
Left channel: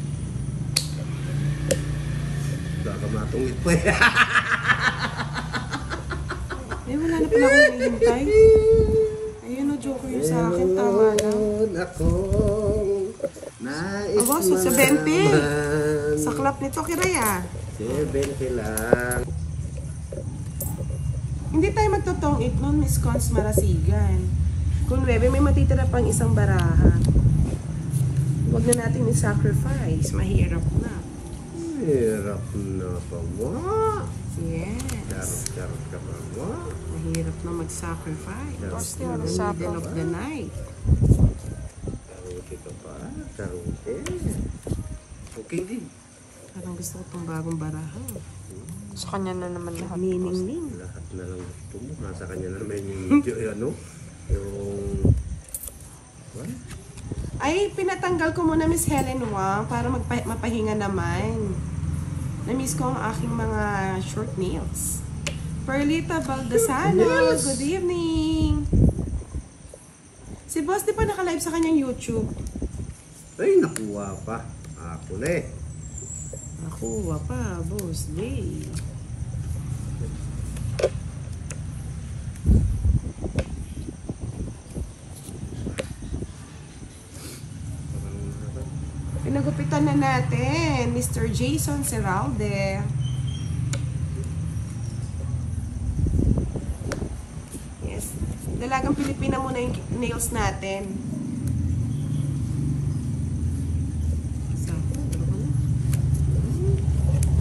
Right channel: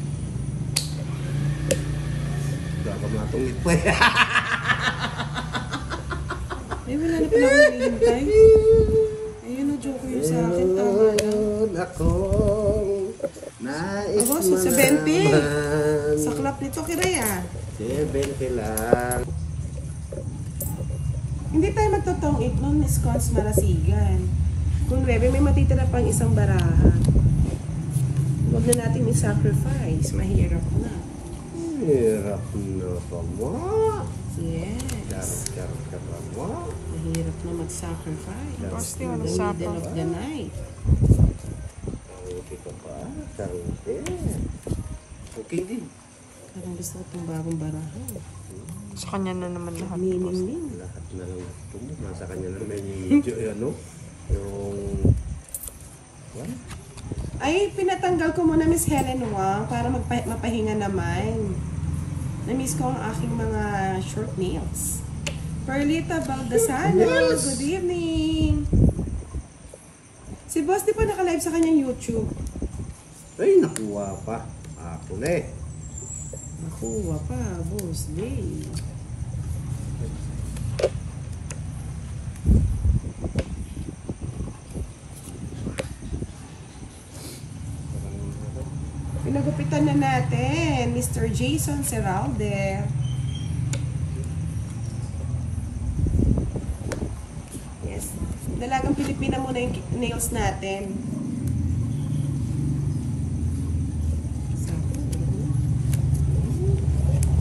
Baka matungit pa eh. Wala na pala akong hinihintay. Ayun, joke yun sa akin. Tama na. Nais Aba, mo sa 20. naman. Saklap nito, Kiraya. 20 lang. Hindi tayo magtotong 8 nun, Miss Cons Marasigan. Kung 9, may matitira pang isang baraha. Huwag na natin i-sacrifice. Mahirap na. Hirap na pa mo. Yes. Charot ka pa mo. Mahirap na mag-sacrifice in the middle of the night. Charuti ka pa. Charuti. Okay din. Parang gusto ko itong bagong baraha. Sa kanya na naman. Nagniningning. Lahat na lang gusto mo. Nasa kanya na naman yung ano. Yung... What? Ay, pinatanggal ko muna, Miss Helen Wang, para mapahinga naman. Na-miss ko ang aking mga short nails. Perlita Baldasano, good evening! Si Boss, di pa naka-live sa kanyang YouTube? Ay, nakuha pa. Ako na eh. Nakuha pa, Boss. Yay! Pinagupitan na natin, Mr. Jason Seralde. Yes. Dalagang Pilipina muna yung nails natin.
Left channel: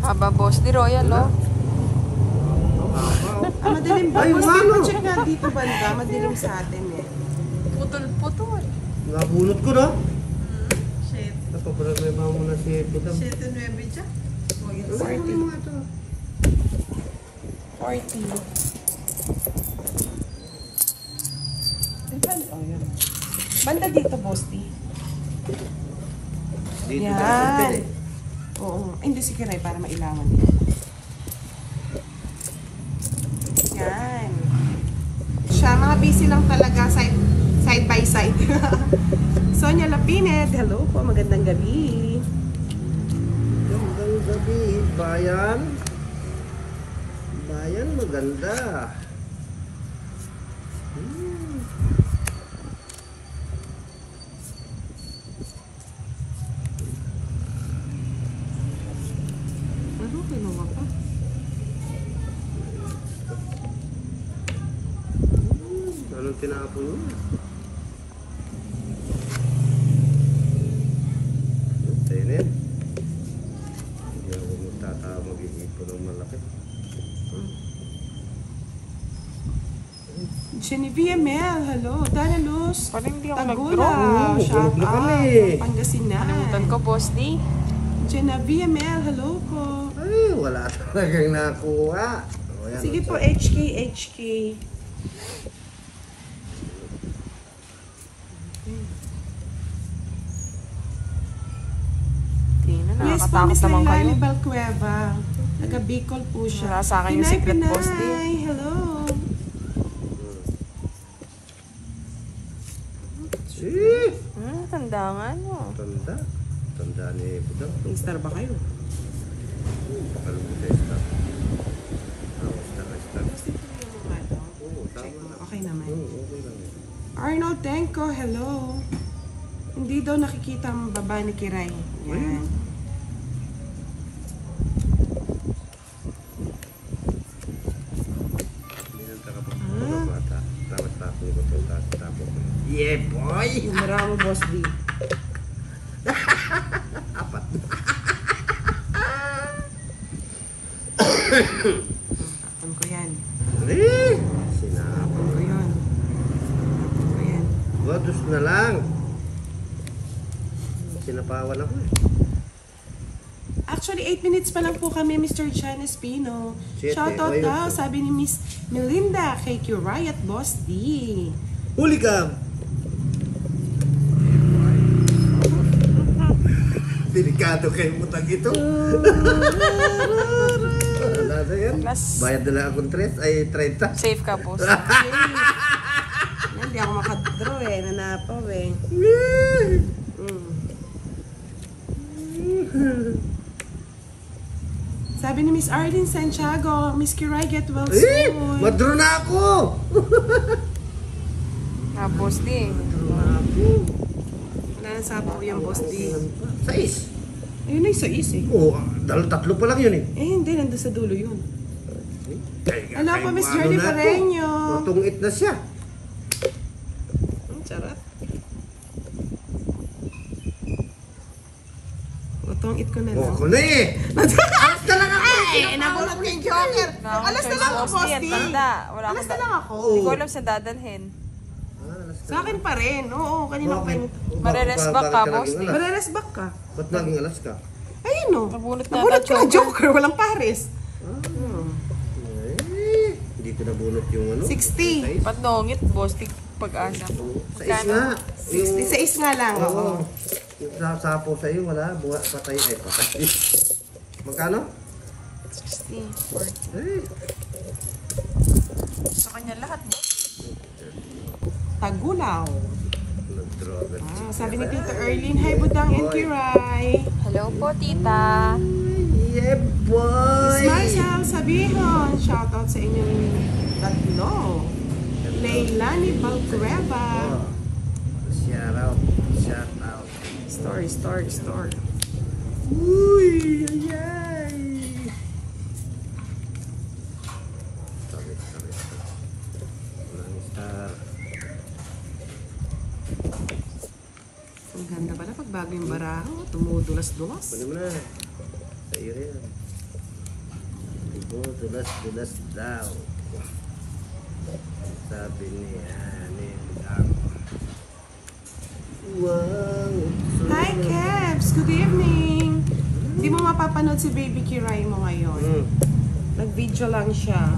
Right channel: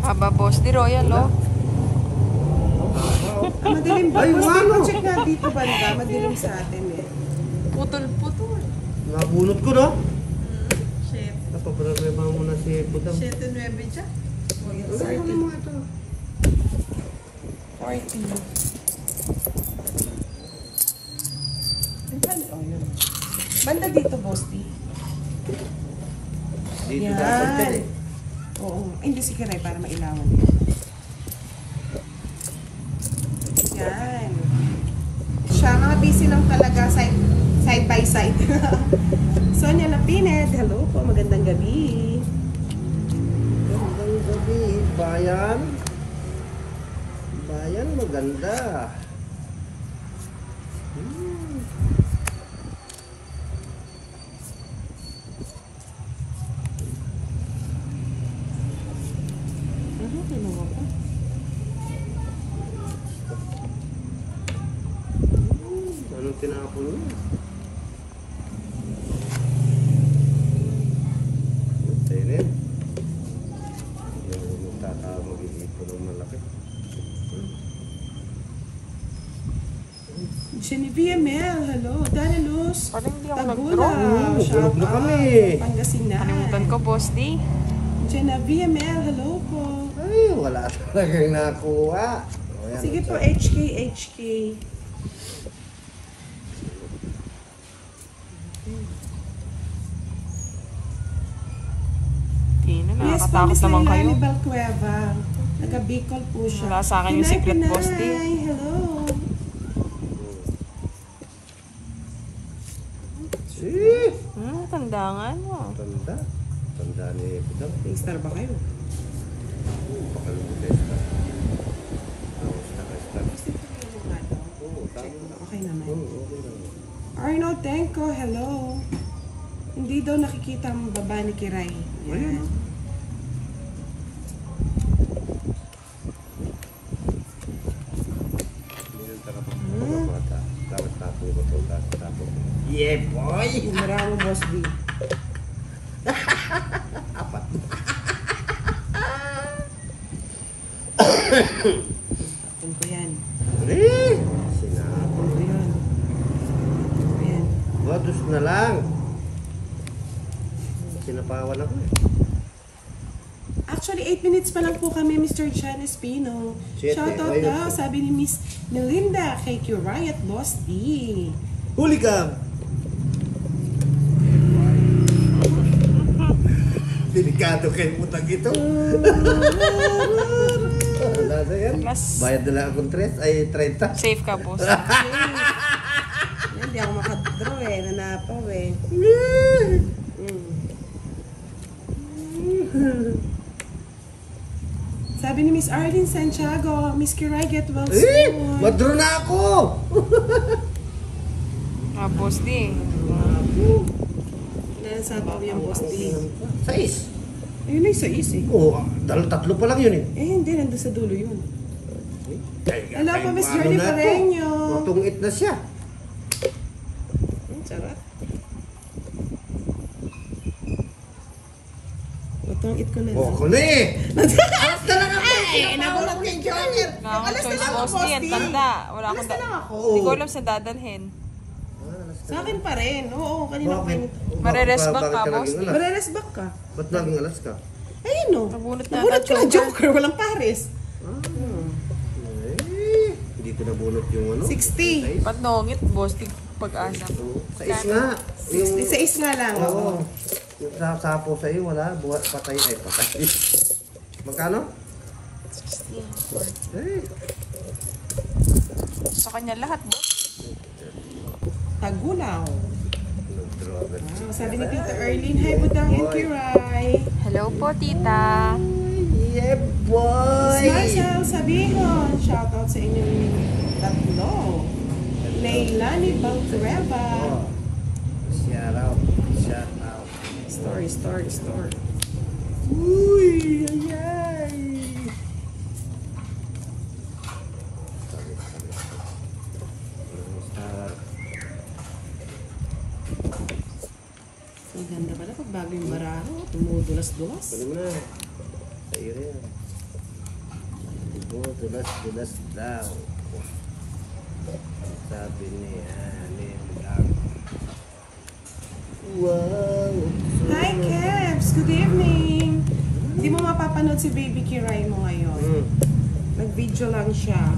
Aba, Boss D, Royal. Wala. Ang haba oh. Madilim ba? Ay, Boss, wow! check nga dito banda. Madilim sa atin eh. Putol-putol. Nabunot ko na. Shit. Napaproblema mo na si Pudang. 7-9 dyan. O, yun. Ano mo ito? 40. Oh, yun. Banda dito, Boss D. Dito Yan. dapat din eh. Oo. Ay, hindi si Kiray para mailawan din. Yan. Siya, mga busy lang talaga side by side. Sonia Lapined, hello po, magandang gabi. Magandang gabi, bayan. Bayan, maganda. Ano, kinuha pa? Anong tinapon niya? Tenit. Yung magtatao mag-iipon ng malaki. Genevieve Mel, hello. Dana Luz, Tagula, Oo, shout tulog na out. kami. Pangasinan. Boss D. Genevieve Mel, hello po. Ay, wala talagang nakuha. O, yan, Sige o, po, so, HK. Yes po, Miss Lailani Balcueva. Taga Bicol po siya. Wala sa akin yung secret post eh. Pinay, hello. Si! Tandangan mo. Tanda. Tanda ni Budang. May star ba kayo? Pakalungkot tayo star. Star. Oo, tama na. Okay naman. Oo, okay lang. Arnold Tenko, hello. Hindi daw nakikita ang baba ni Kiray. Yan. Yeah, boy! Marami, Boss D. Apat. Tapon ko yan. Uli! Sinapon. Tapon ko yun. Tapon ko yan. Wadus na lang. Sinapawan ako eh. Actually, 8 minutes pa lang po kami, Mr. Chan Espino. Siyete, Shoutout ayun daw, po. sabi ni Miss Melinda, kay Q Riot, Boss D. Huli ka! Delikado. Delikado kayo utang ito. Wala na yan. Bayad na lang akong 30. Safe ka, boss. Hindi ako makadraw eh. Nanapaw eh. Sabi ni Miss Arlene Santiago, Miss Kiray, get well soon. Madro na ako! Boss D. Madro na ako. Nasapaw yung boss D. 6. Ayun na yung 6 eh. Oo, tatlo pa lang yun eh. Hindi, nandun sa dulo yun. Hello po, Miss Ano Journey na to? Pareño. Matungit na siya. Sarap. Matungit ko na lang. Ako na eh. Alas na lang ako. Ay, nabulot ko yung joker. Alas na lang ako, boss D. Alas na lang ako. Hindi ko alam sa dadalhin. Sa akin pa rin. Oo, kanina pa Bakit? yung... Bakit ka naging alas? Mareres back ka. Ba't naging alas ka? Ayun o. Nabulot na Nabulot agad ko na joker. Walang pares. Hindi ko nabunot yung ano. 60. Ba't nungit, boss D? Pag-asa. Sa is nga. 60 sa is nga lang. Oo. Oo. Yung sapo sa'yo, wala. Buhat, patay. Ay, patay. Magkano? 60. Sa kanya lahat. Tagulaw. Nag-draw. Sabi ni Tita Erlene, hi Budang and Kiray. Hello po, Tita. Yeah, boy! Marcel Sabihon, shoutout sa inyong tatlo. Leilani Baltreva. Shout out. Shout out. Story. Uy! Ayay! Ang ganda pala pag bago yung baraho. Tumudulas-dulas. Pwede mo na. Sa'yo rin. Dulas daw. Sabi niya, wow! Hi Kebs! Good evening! Hindi mo mapapanood si Baby Kiray mo ngayon. Nag-video lang siya.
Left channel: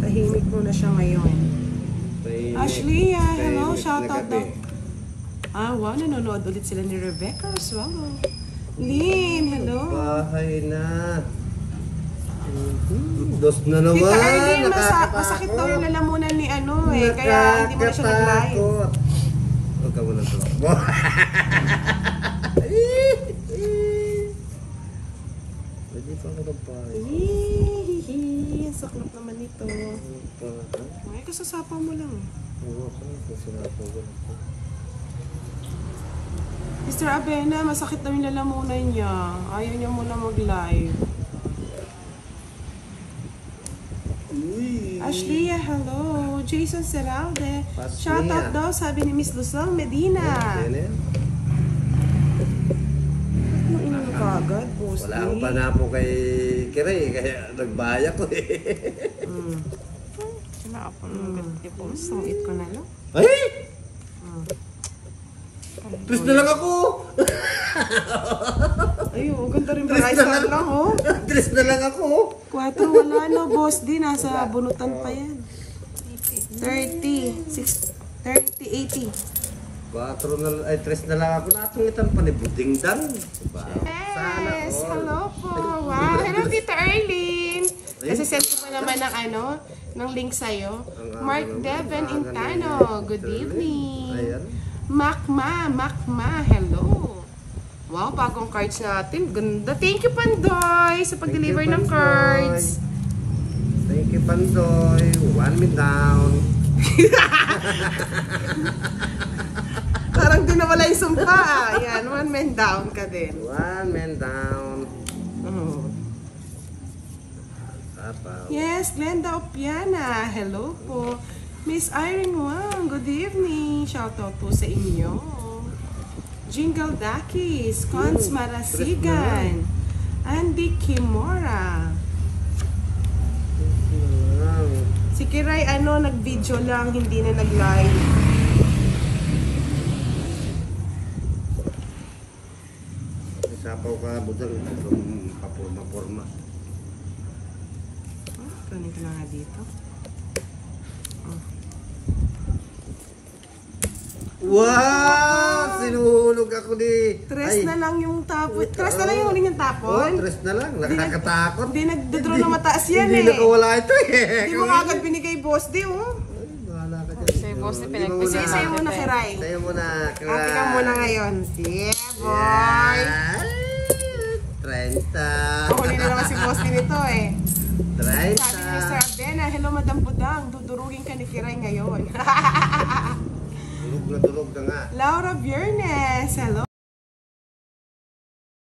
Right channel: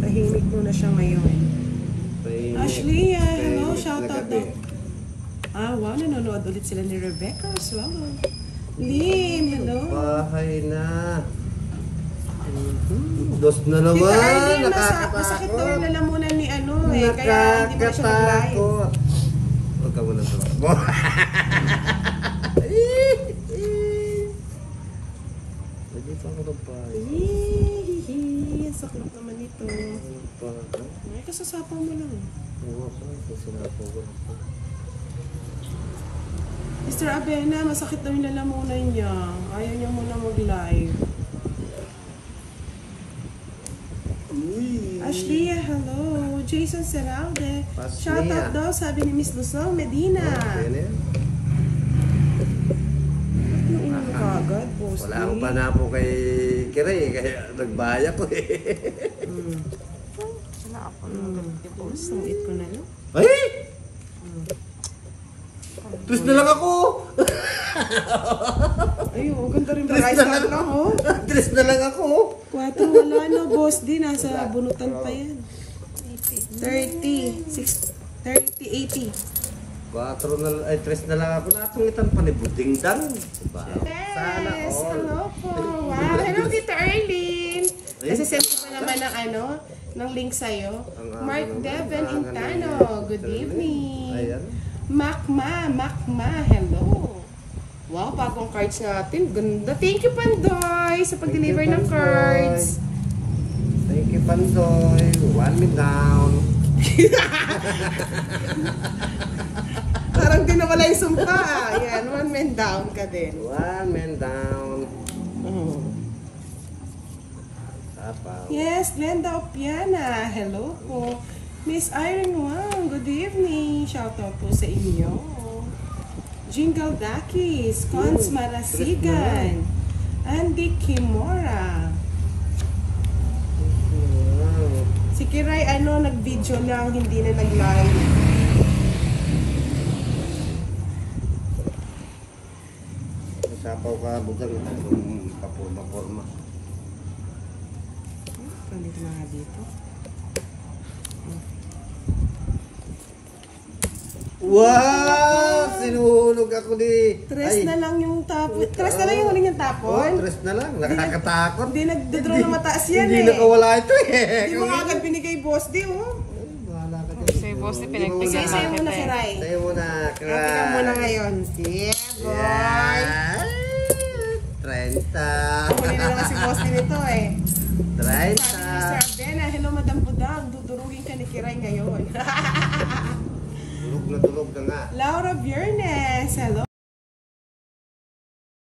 Tahimik muna siya ngayon. Ashley, hello, shoutout daw. Wow, nanonood ulit sila ni Rebecca Swallow. Lynn, hello. Bahay na. Dos na naman. Tita Arlene, Nakakatakot. masakit daw yung lalamunan ni ano eh. Kaya hindi mo na siya nag-live. Huwag ka muna ito. Pwede pa ako ng bahay. Hihihi, ang saklap naman ito. Ay, kasasapaw mo lang. Oo, sinasapaw ko lang. Mr. Abena, masakit daw yung lalamunan niya. Ayaw niya muna mag-live. Ashley, hello. Jason Seralde. Shoutout daw, sabi ni Miss Luzon Medina. Ayan. Ba't mo inom ka agad, boss? Wala akong panapo kay Kiray, kaya nagbaya ko eh. Sungit ko na lang. Ay! Tres na lang ako! Ayun, ganda rin ba? Rice lang, oh. Tres na lang ako! 4, wala no, boss. Di, nasa bunutan pa yan. 30, 80. 4 na, ay 3 na lang ako. Natungitan pa ni Buding Dan. Diba? Sana Yes, all. hello po. Wow, hello Tita Arlene. Kasi send ko pa naman ng ng link sa'yo. Mark Devon Intano, good evening. Ayan. Macma, hello. Wow, bagong cards natin. Ganda. Thank you, Pandoy, sa pag-deliver ng cards. Thank you, Pandoy. 1 me down. Parang di nawala yung sumpa. Yan, 1 man down ka din. 1 man down. Yes, Glenda Opiana. Hello po. Miss Irene Wang, good evening. Shoutout po sa inyo. Jingle Dakis, Cons Marasigan, Andy Kimora. Si Kiray, nag-video lang, hindi na nag-live. Sapaw ka, Budang. Kapurma-porma. Kunin ko na nga dito. Wow! Sinuhulog ako ni... Tres na lang yung tapon. Tres na lang yung huling yung Oh, tapon. tres na lang. Nakakatakot. Hindi nagdodraw na mataas yan Hindi eh. nakawala ito eh. Hindi mo agad binigay boss di oh. Ay, bahala ka dyan. Hindi mo muna. Sige, sa'yo muna Kiray. Sa'yo muna. Ate ka muna ngayon. Yeah, boy. 30. Huli na naman si boss din ito eh. 30. Sabi ni Sir Abdena, hello Madam Budang, dudurugin ka ni Kiray ngayon. Durog na nga. Laura Biernes, hello